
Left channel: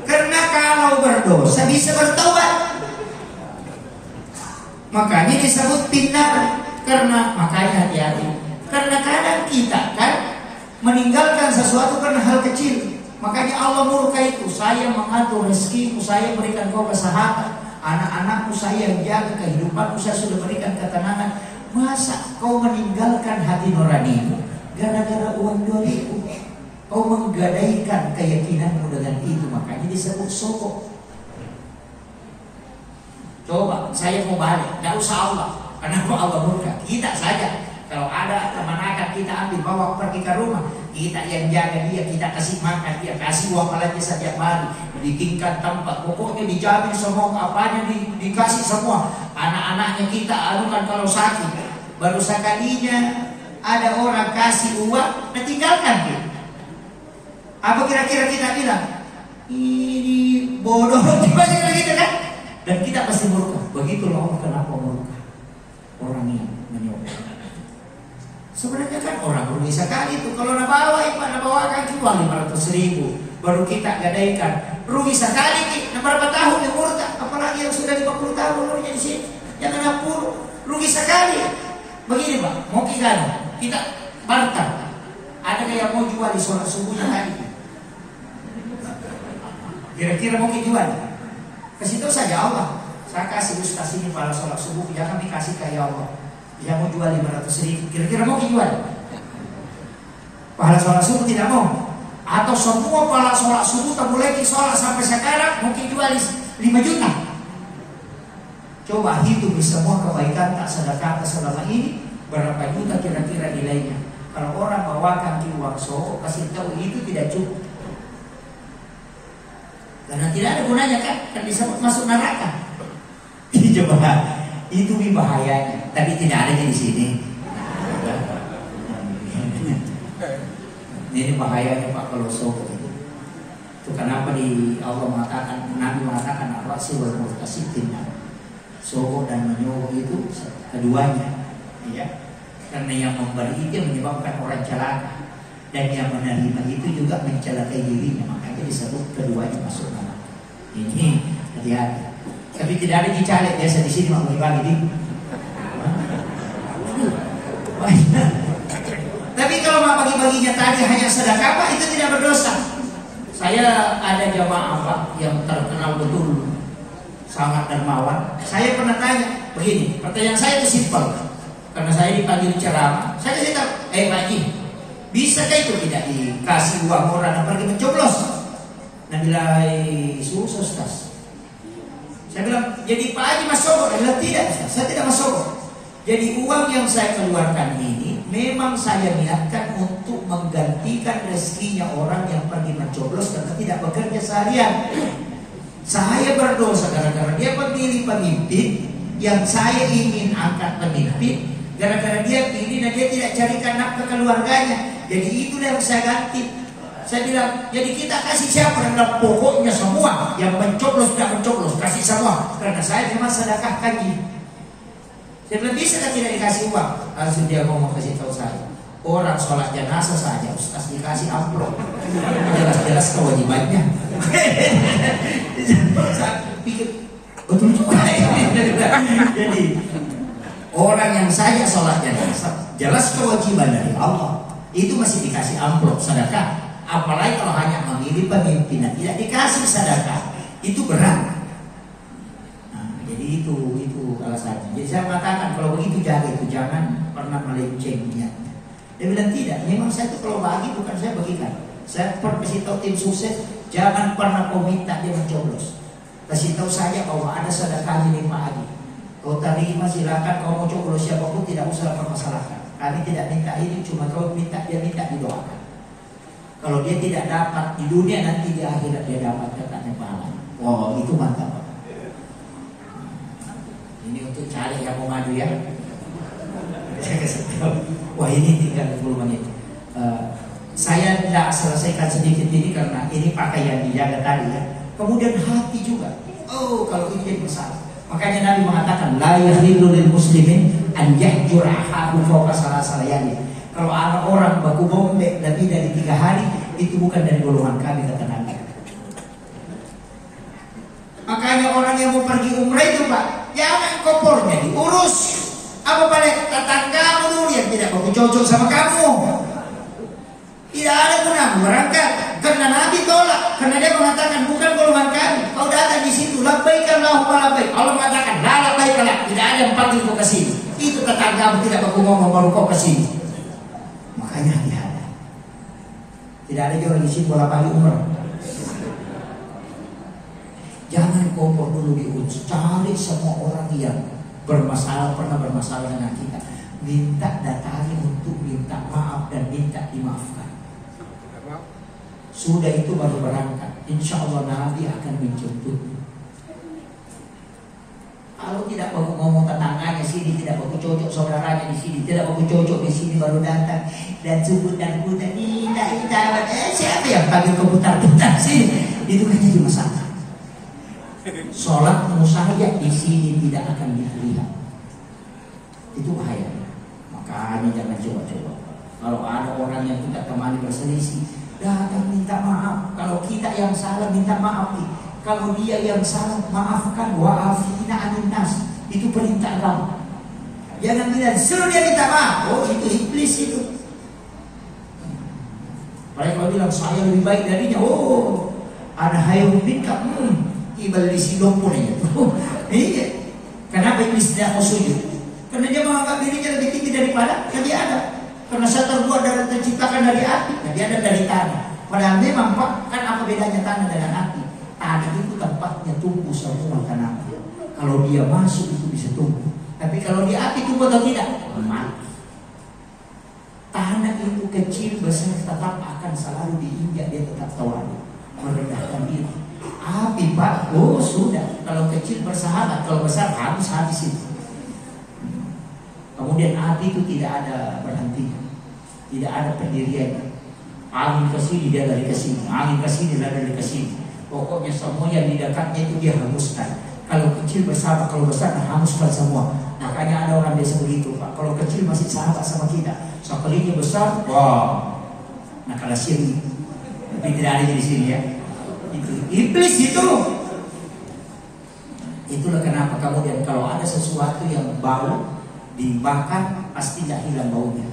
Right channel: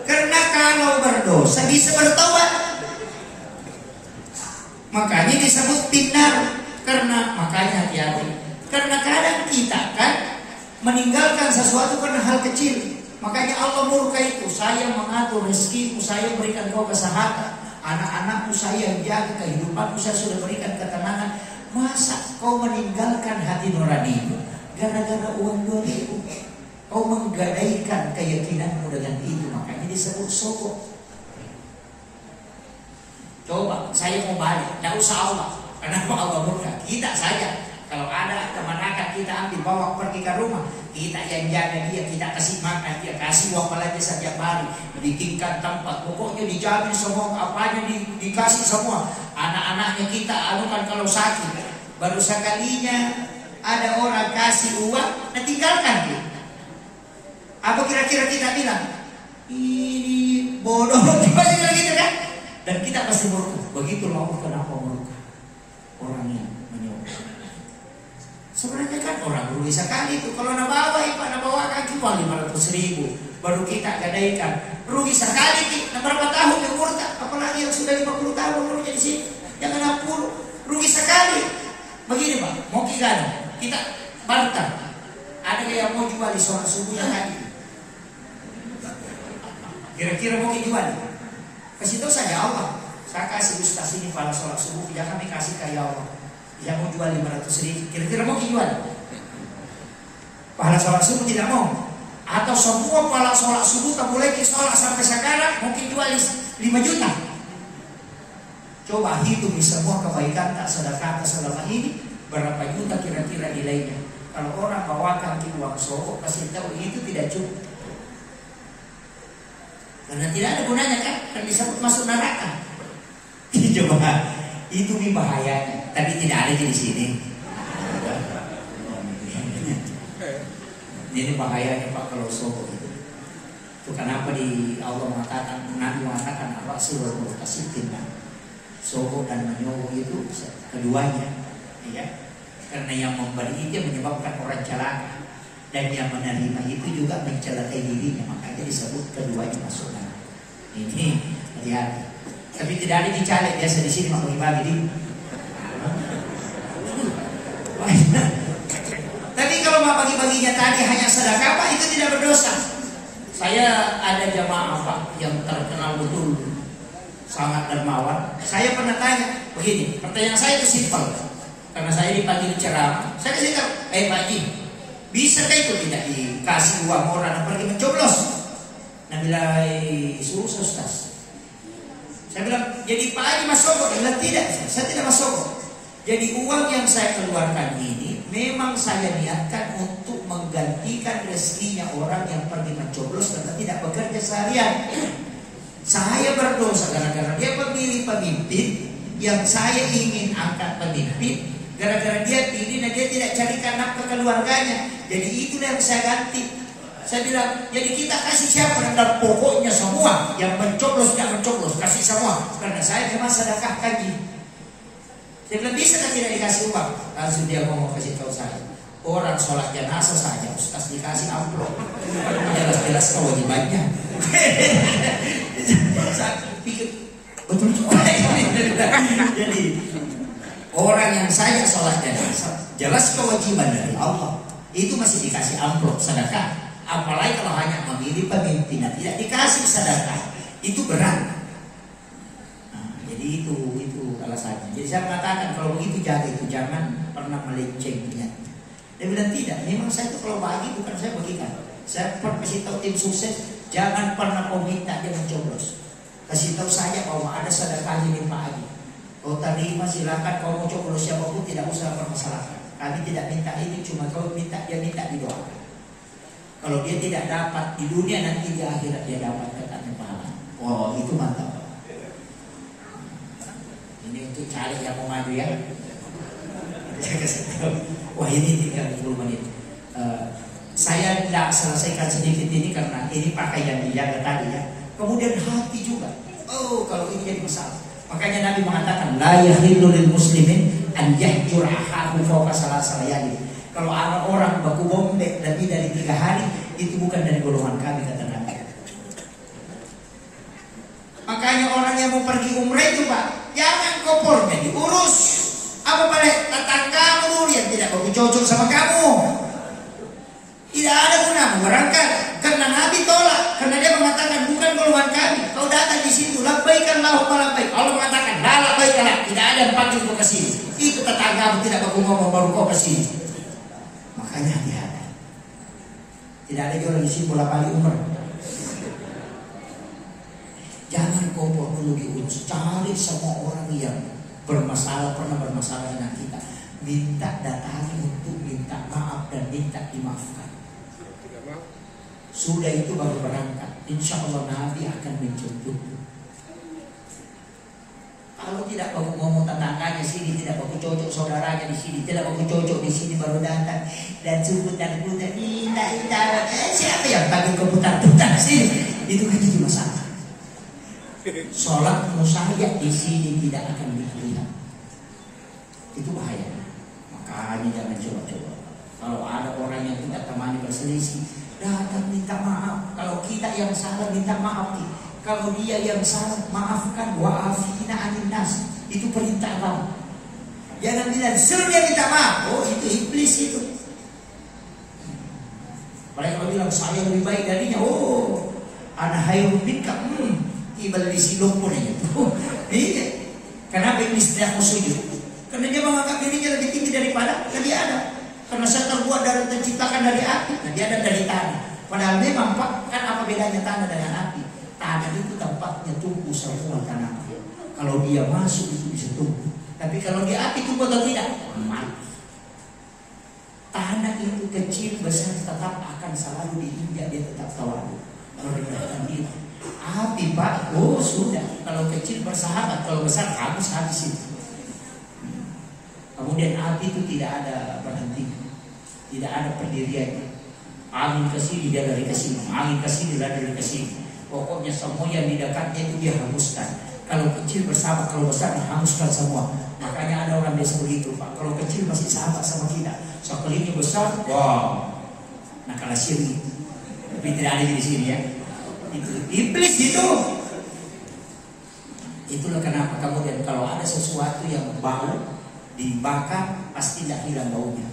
Karena kalau berdosa bisa bertobat. Makanya disebut pintar. Karena makanya hati-hati. Karena kadang kita kan meninggalkan sesuatu karena hal kecil. Makanya Allah murka itu. Saya mengatur rezekimu, saya berikan kau kesehatan, anak-anakmu saya jaga, kehidupanmu saya sudah berikan ketenangan. Masa kau meninggalkan hati nuranimu gara-gara uang 2.000? Kau menggadaikan keyakinanmu dengan itu, makanya disebut sogok. Coba saya mau balik, tidak usah Allah, karena Allah murka. Kita saja, kalau ada teman akan kita ambil bawa pergi ke rumah, kita yang jaga dia, kita kasih makan dia, kasih uang lagi setiap hari, bikinkan tempat, pokoknya dijamin semua, apanya dikasih semua. Anak-anaknya kita anukan kalau sakit, baru sekalinya ada orang kasih uang, nah tinggalkan dia. Apa kira-kira kita bilang? Ini bodoh, gimana gitu kan? Dan kita pasti murka. Begitulah Allah kenapa murka orang yang menyokong. Sebenarnya kan orang rugi sekali itu. Kalau nabawakan cuma 500.000, baru kita gadaikan. Rugi sekali nih. Berapa tahun yang murka? Apalagi yang sudah 50 tahun umurnya di sini, yang 60, rugi sekali. Begini Pak, mau kita barter. Ada yang mau jual di sholat subuhnya tadi? Kira-kira mau jual? Kasih tahu saja Allah. Saya kasih ustaz ini pada sholat subuh, jangan dikasih ke ya Allah. Dia mau jual 500.000. Kira-kira mau jual? Pahala sholat subuh tidak mau. Atau semua pahala sholat subuh tak boleh sholat sampai sekarang mungkin jual 5 juta. Coba hitung semua kebaikan tak sedekah selama ini, berapa juta kira-kira nilainya. Kalau orang bawakan uang sogok, kasih tahu itu tidak cukup. Karena tidak ada gunanya kan disebut masuk neraka. Coba itu bahayanya. Tapi tidak ada di sini. Ini bahayanya Pak kalau sogok itu. Itu kenapa di Allah mengatakan, Nabi mengatakan ar-rasul wal murtasidin. Sogok dan menyogok itu keduanya, ya. Karena yang memberi itu menyebabkan orang celaka, dan yang menerima itu juga mencelakai dirinya. Makanya disebut keduanya masuk neraka. Ini hati-hati. Tapi tidak ada dicalek biasa di sini mau bagi di. Tapi kalau mau bagi-baginya tadi hanya sedekah Pak, itu tidak berdosa. Saya ada jamaah Pak yang terkenal betul sangat dermawan. Saya pernah tanya begini, pertanyaan saya itu simpel. Karena saya dipanggil ceramah, saya kasih tahu, Pak Haji, bisakah itu tidak dikasih uang orang pergi mencoblos? Nah bilang, susah Ustaz. Saya bilang, jadi Pak Haji masuk? Dia bilang, tidak, saya tidak masuk. Jadi uang yang saya keluarkan ini memang saya niatkan untuk menggantikan rezekinya orang yang pergi mencoblos karena tidak bekerja seharian. Saya berdosa gara-gara dia pemilih pemimpin yang saya ingin angkat pemimpin. Gara-gara dia pilih dan dia tidak carikan nafkah keluarganya. Jadi itulah yang saya ganti. Saya bilang, jadi kita kasih siapa? Karena pokoknya semua yang mencoblos, yang mencoblos, kasih semua. Karena saya memang sedekah kaji. Dia bilang, bisa kan tidak dikasih uang? Langsung dia mau kasih tahu saya, orang sholat jenazah saja Ustaz dikasih amplop. Jelas-jelas kewajibannya. Saya pikir, betul juga. Jadi orang yang saya sholat jenazah, jelas kewajiban dari Allah, itu masih dikasih amplop sedekah. Apalagi kalau hanya memilih pemimpin tidak dikasih sedekah, itu berat. Nah, jadi itu alasannya. Jadi saya mengatakan kalau begitu jaga itu, jangan pernah melenceng niat. Dia bilang tidak, memang saya itu kalau bagi bukan saya bagikan. Saya kasih tahu tim sukses, jangan pernah kau minta dia mencoblos. Kasih tahu saja bahwa ada sedekahnya 5 hari. Kau terima silakan, kau mau coblos siapapun tidak usah permasalahkan. Kami tidak minta ini, cuma kau minta dia minta didoakan. Kalau dia tidak dapat di dunia, nanti di akhirat dia dapat katanya pahala. Oh itu mantap. Ini untuk cari yang mau maju ya. Saya kasih tahu. Wah ini tinggal 10 menit. Saya tidak selesaikan sedikit ini karena ini pakai yang dijaga tadi ya. Kemudian hati juga. Oh kalau itu jadi masalah. Makanya Nabi mengatakan la yahillu lil muslimin an yahjur akhahu fawqa salasal layali. Kalau ada orang baku bombek lebih dari 3 hari, itu bukan dari golongan kami kata Nabi. Makanya orang yang mau pergi umrah itu Pak, jangan kopornya diurus. Apa pada tetangga dulu yang tidak mau cocok sama kamu. Tidak ada guna berangkat karena Nabi tolak, karena dia mengatakan bukan golongan kami. Kau datang di situ, labbaik Allahumma labbaik. Allah mengatakan la labbaik la, tidak ada yang panggil kau ke sini. Itu tetangga tidak baku ngomong baru kau ke sini. Makanya hati-hati. Tidak ada jual di sini bola pagi umur. Jangan kompor dulu diurus. Cari semua orang yang bermasalah, pernah bermasalah dengan kita. Minta datangi untuk minta maaf dan minta dimaafkan. Sudah itu baru berangkat. Insya Allah Nabi akan mencontoh. Kalau tidak mau ngomong tetangganya sini, tidak mau cocok saudaranya di sini, tidak mau cocok di sini baru datang dan sebut dan putar siapa yang bagi keputar-putar sini? Itu kan jadi masalah. Sholat musahajat di sini tidak akan diterima. Itu bahaya. Makanya jangan coba-coba. Kalau ada orang yang kita temani berselisih, datang minta maaf. Kalau kita yang salah minta maaf nih. Kalau dia yang salah maafkan. Wa'afina anin nas. Itu perintah kamu. Jangan bilang suruh dia minta maaf. Oh itu iblis itu. Mereka bilang saya lebih baik darinya. Oh ada hayung minta. Ibal di silopun itu. Ini kenapa iblis tidak mau sujud? Karena dia menganggap dirinya lebih tinggi daripada Nabi Adam. Karena saya terbuat dari terciptakan dari api, Nabi Adam dari tanah. Padahal memang Pak, kan apa bedanya tanah dengan api? Tanah itu tempatnya tumbuh semua tanaman. Kalau dia masuk itu bisa tumbuh. Tapi kalau di api tumbuh atau tidak? Mati. Tanah itu kecil besar tetap akan selalu diinjak, dia tetap tawadu. Merendahkan diri. Api Pak, oh sudah. Kalau kecil bersahabat, kalau besar habis itu. Kemudian api itu tidak ada berhenti, tidak ada pendirian. Angin ke sini dia lari ke sini, angin ke sini dia lari ke sini. Pokoknya semua yang di dekatnya itu dia hanguskan. Kalau kecil bersahabat, kalau besar hanguskan semua. Makanya ada orang biasa begitu Pak. Kalau kecil masih sahabat sama kita, sekalinya besar, wow, nah kalau sini, tapi tidak ada di sini ya. Itu iblis itu. Itulah kenapa kemudian kalau ada sesuatu yang bau dibakar pasti tidak hilang baunya,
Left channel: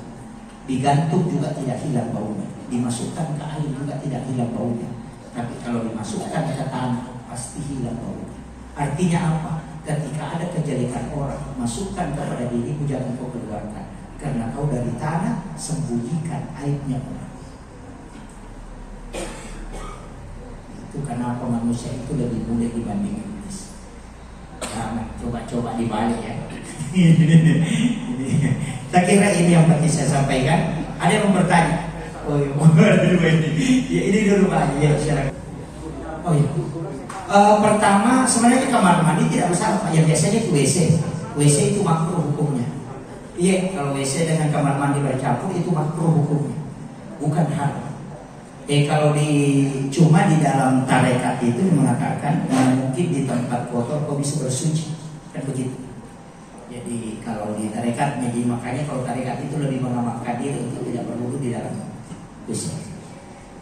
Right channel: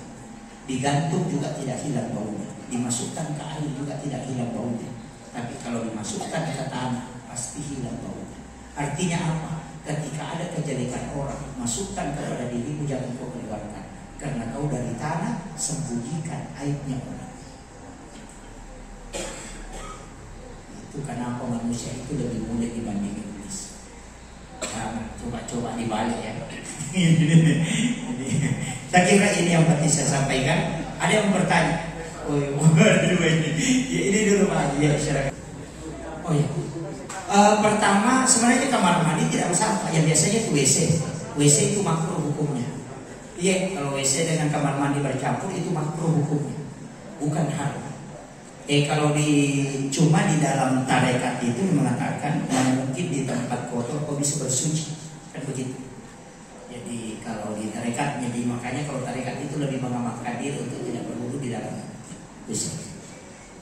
digantung juga tidak hilang baunya, dimasukkan ke air juga tidak hilang baunya. Tapi kalau dimasukkan ke tanah pasti hilang baunya. Artinya apa? Ketika ada kejelekan orang, masukkan kepada dirimu, jangan kau keluarkan, karena kau dari tanah sembunyikan aibnya. Itu kenapa manusia itu lebih mulia dibanding iblis. Nah, coba-coba dibalik ya. Saya kira ini yang penting saya sampaikan. Ada yang bertanya? Oh ya, ini dulu Pak. Ya, oh ya. Pertama sebenarnya kamar mandi tidak besar Pak. Yang biasanya itu WC. WC itu makruh hukumnya. Iya, kalau WC dengan kamar mandi bercampur itu makruh hukumnya, bukan haram. Kalau cuma di dalam tarekat itu mengatakan mungkin di tempat kotor kau bisa bersuci, kan begitu. Jadi kalau di tarekat, jadi makanya kalau tarekat itu lebih mengamalkan diri untuk tidak berwudu di dalam WC.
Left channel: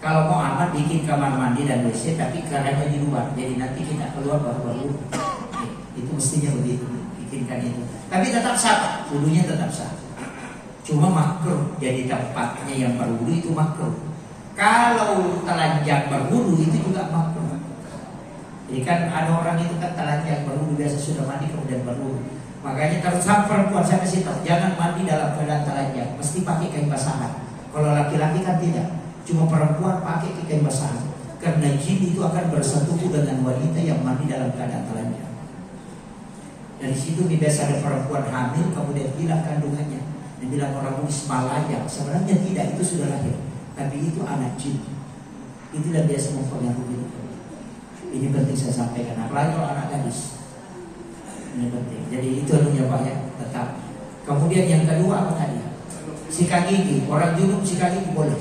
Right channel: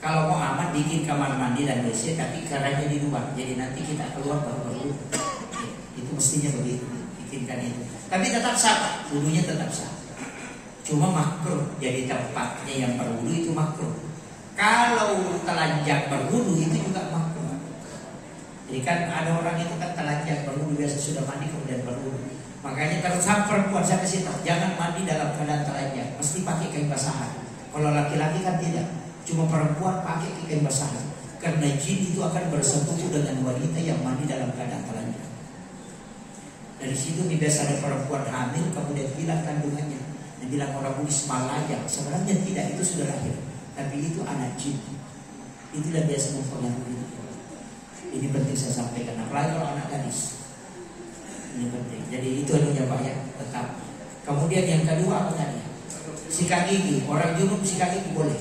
Kalau mau amat bikin kamar mandi dan WC, tapi caranya di luar. Jadi nanti kita keluar baru berwudu. Itu mestinya begitu, bikinkan itu. Tapi tetap sah, wudunya tetap sah. Cuma makruh, jadi tempatnya yang berwudu itu makruh. Kalau telanjang berwudu itu juga makruh. Jadi kan ada orang itu kan telanjang berwudu, biasa sudah mandi kemudian berwudu. Makanya kalau sama perempuan saya kasih tahu, jangan mandi dalam keadaan telanjang, mesti pakai kain basahan. Kalau laki-laki kan tidak, cuma perempuan pakai kain basahan. Karena jin itu akan bersetubuh dengan wanita yang mandi dalam keadaan telanjang. Dari situ biasa ada perempuan hamil kemudian hilang kandungannya. Yang bilang orang Buddhis Malaya, sebenarnya tidak, itu sudah lahir, tapi itu anak jin. Itulah biasa mempengaruhi. Ini penting saya sampaikan. Apalagi kalau anak gadis. Ini penting. Jadi itu artinya Pak ya, tetap. Kemudian yang kedua apa tadi? Sikat gigi. Orang junub sikat gigi boleh.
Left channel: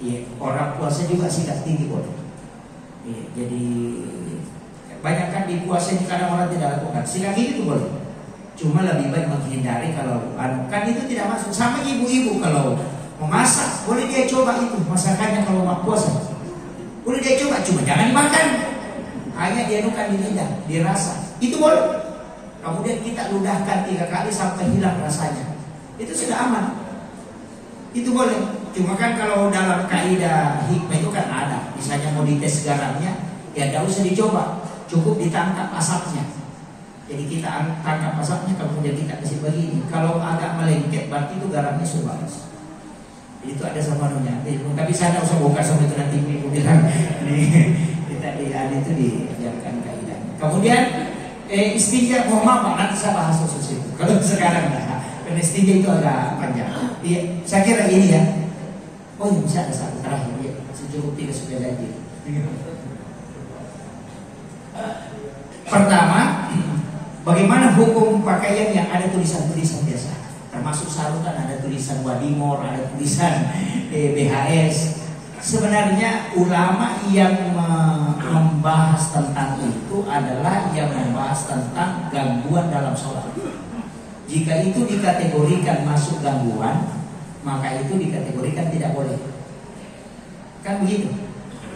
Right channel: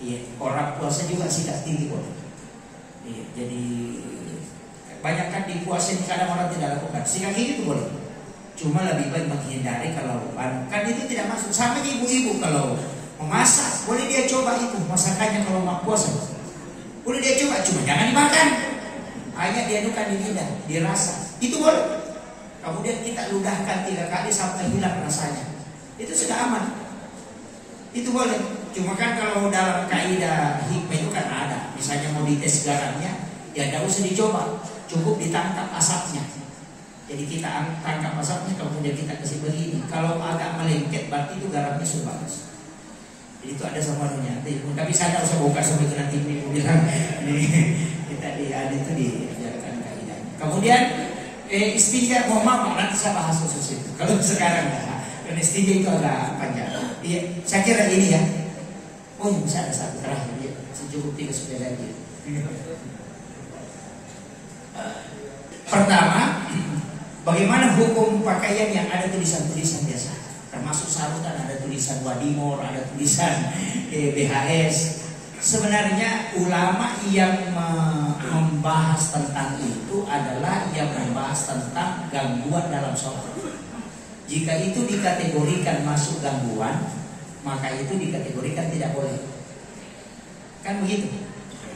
Iya. Orang puasa juga sikat gigi boleh. Iya. Jadi banyak kan di puasa ini kadang orang tidak lakukan. Sikat gigi itu boleh. Cuma lebih baik menghindari kalau kan itu tidak masuk. Sama ibu-ibu kalau memasak, boleh dia coba itu masakannya kalau mau puasa. Boleh dia coba, cuma jangan dimakan. Hanya dia nukan di lidah, dirasa. Itu boleh. Kemudian kita ludahkan 3 kali sampai hilang rasanya. Itu sudah aman. Itu boleh. Cuma kan kalau dalam kaidah hikmah itu kan ada. Misalnya mau dites garamnya, ya tidak usah dicoba. Cukup ditangkap asapnya. Jadi kita tangkap asapnya, kemudian kita kasih begini. Kalau agak melengket, berarti itu garamnya sudah bagus. Itu ada semuanya. Tapi saya nggak usah bongkar sampai itu nanti ibu bilang kita ada itu diajarkan kaidahnya. Kemudian istinja, mohon maaf nanti saya bahas khusus itu. Kalau sekarang enggak, karena istinja itu agak panjang. Saya kira ini ya. Oh ya, bisa ada satu terakhir ya. Secukup tidak sudah lagi. Pertama, bagaimana hukum pakaian yang ada tulisan-tulisan biasa? Termasuk sarutan ada tulisan Wadimor, ada tulisan BHS. Sebenarnya ulama yang membahas tentang itu adalah yang membahas tentang gangguan dalam sholat. Jika itu dikategorikan masuk gangguan, maka itu dikategorikan tidak boleh. Kan begitu.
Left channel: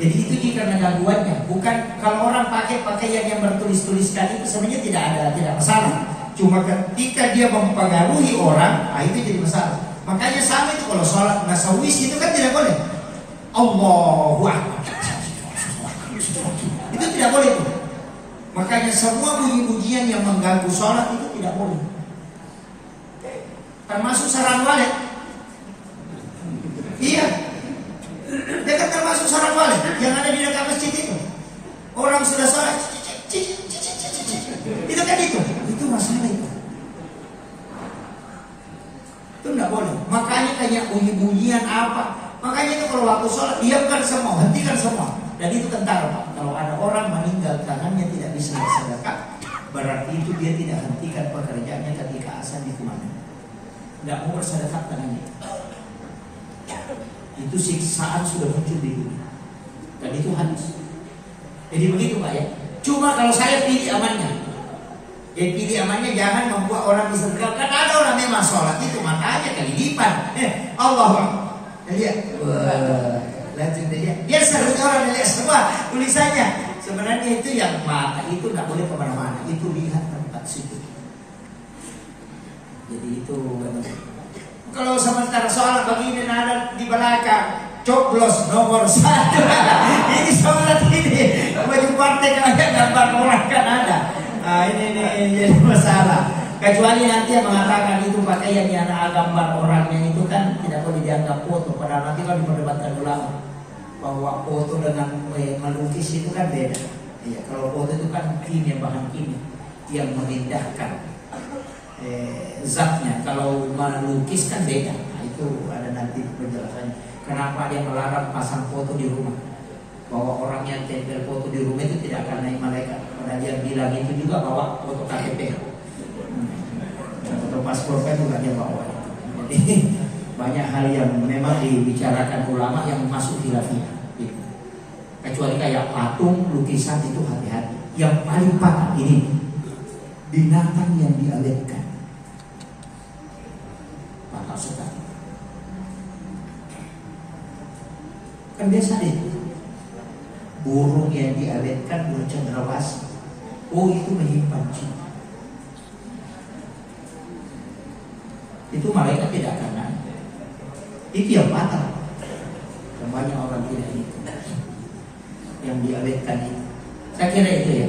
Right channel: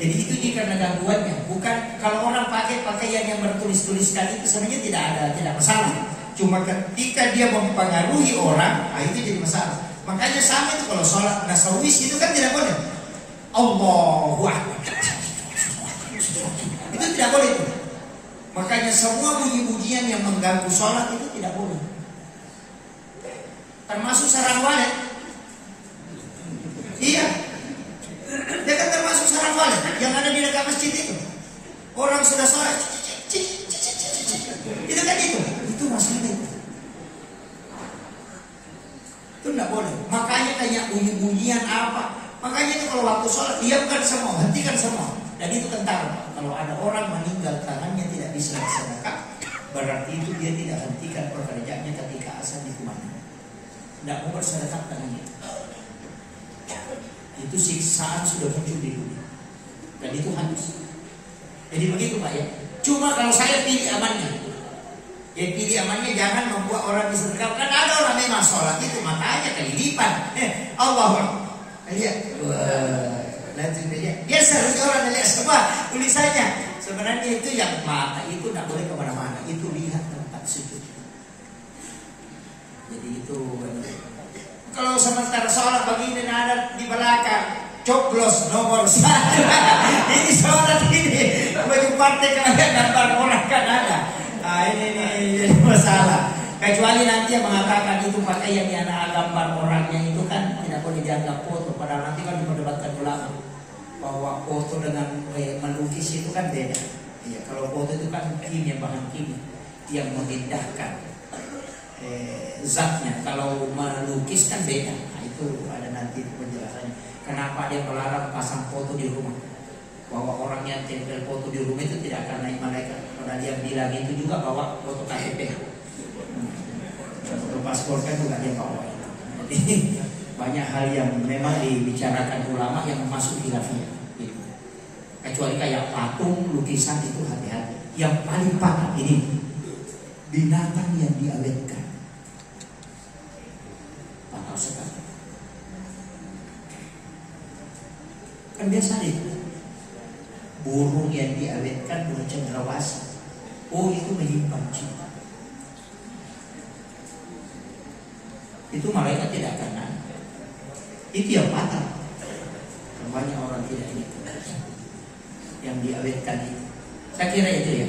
Jadi itu jika gangguannya, bukan kalau orang pakai pakaian yang bertulis-tuliskan itu sebenarnya tidak masalah. Cuma ketika dia mempengaruhi orang, itu jadi masalah. Makanya sama itu kalau sholat nasawis itu kan tidak boleh. Allahu Akbar. Itu tidak boleh itu. Makanya semua bunyi-bunyian yang mengganggu sholat itu tidak boleh. Termasuk sarang walet. Iya. Mereka termasuk sarang walet yang ada di dekat masjid itu. Orang sudah sholat, itu kan itu masalah itu. Itu tidak boleh. Makanya kayak bunyi-bunyian apa. Makanya itu kalau waktu sholat diamkan semua, hentikan semua. Dan itu kentara Pak. Kalau ada orang meninggal tangannya tidak bisa bersedekah, berarti itu dia tidak hentikan pekerjaannya ketika azan di kumandang. Tidak mau bersedekah tangannya. Itu siksaan sudah muncul di dunia. Dan itu hadis. Jadi begitu Pak ya. Cuma kalau saya pilih amannya. Ya pilih amannya jangan membuat orang disedekah. Kan ada orang memang sholat itu matanya kelilipan. Allah. Lihat. Dia seru orang lihat semua tulisannya. Sebenarnya itu yang mata itu tidak boleh kemana-mana. Itu lihat tempat sujud. Jadi itu. Kalau sementara sholat begini ada di belakang coblos nomor 1. Ini sholat ini bagi partai kayak gambar orang kan ada. Nah ini jadi masalah. Kecuali nanti yang mengatakan itu pakaian yang ada gambar orangnya itu kan tidak boleh dianggap foto. Padahal nanti kan diperdebatkan ulama bahwa foto dengan melukis itu kan beda. Ya, kalau foto itu kan kimia, bahan kimia yang memindahkan zatnya. Kalau melukis kan beda. Nah, itu ada nanti penjelasannya. Kenapa dia melarang pasang foto di rumah? Bahwa orang yang tempel foto di rumah itu tidak akan naik malaikat. Padahal dia bilang itu juga bawa foto KTP. Foto paspor kan juga dia bawa. Jadi banyak hal yang memang dibicarakan ulama yang masuk khilafiyah. Gitu. Kecuali kayak patung, lukisan itu hati-hati. Yang paling parah ini binatang yang diawetkan. Bakal sekali. Kan biasa deh. Burung yang diawetkan bercendrawasih. Oh itu menyimpan cinta. Itu malaikat tidak akan naik. Itu yang batal. Banyak orang tidak ini yang diawetkan itu. Saya kira itu ya.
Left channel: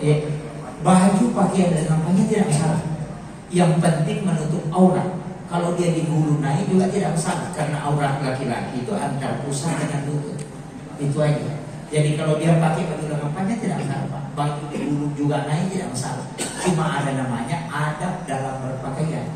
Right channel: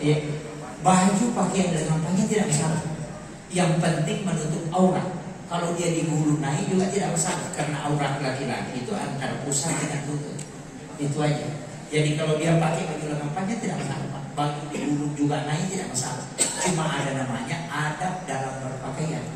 Ya. Baju pakaian dan kampanye tidak masalah. Yang penting menutup aurat. Kalau dia digulung naik juga tidak masalah. Karena aurat laki-laki itu antara pusat dengan lutut. Itu aja. Jadi kalau dia pakai baju kampanye tidak masalah Pak. Baju digulung juga naik tidak masalah. Cuma ada namanya adab dalam berpakaian.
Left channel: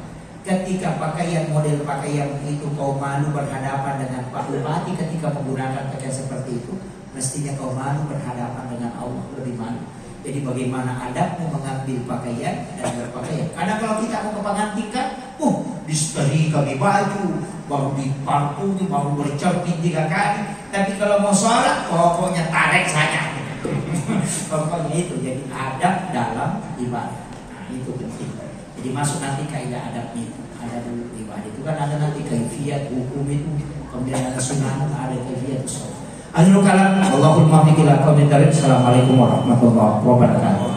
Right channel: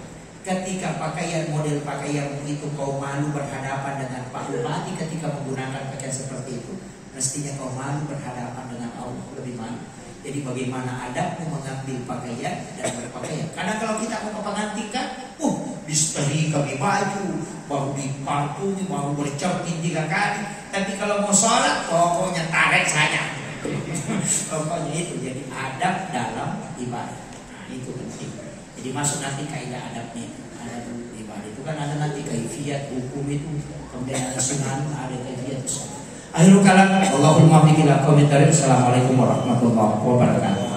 Ketika pakaian model pakaian itu kau malu berhadapan dengan Pak Bupati ketika menggunakan pakaian seperti itu, mestinya kau malu berhadapan dengan Allah, lebih malu. Jadi bagaimana adabmu mengambil pakaian dan berpakaian. Karena kalau kita mau ke pengantin kan, disetehi kami baju, baru diparfumi, baru bercermin 3 kali. Tapi kalau mau sholat, pokoknya tarik saja. Pokoknya itu jadi adab dalam ibadah. Nah, itu penting. Jadi masuk nanti kaidah adabnya, adab ibadah itu kan ada nanti kaifiyat hukum itu, kemudian ada sunnah, ada kaifiyat sholat. Akhirul kalam, Allahumma fiqil aqwamit. Assalamualaikum warahmatullahi wabarakatuh.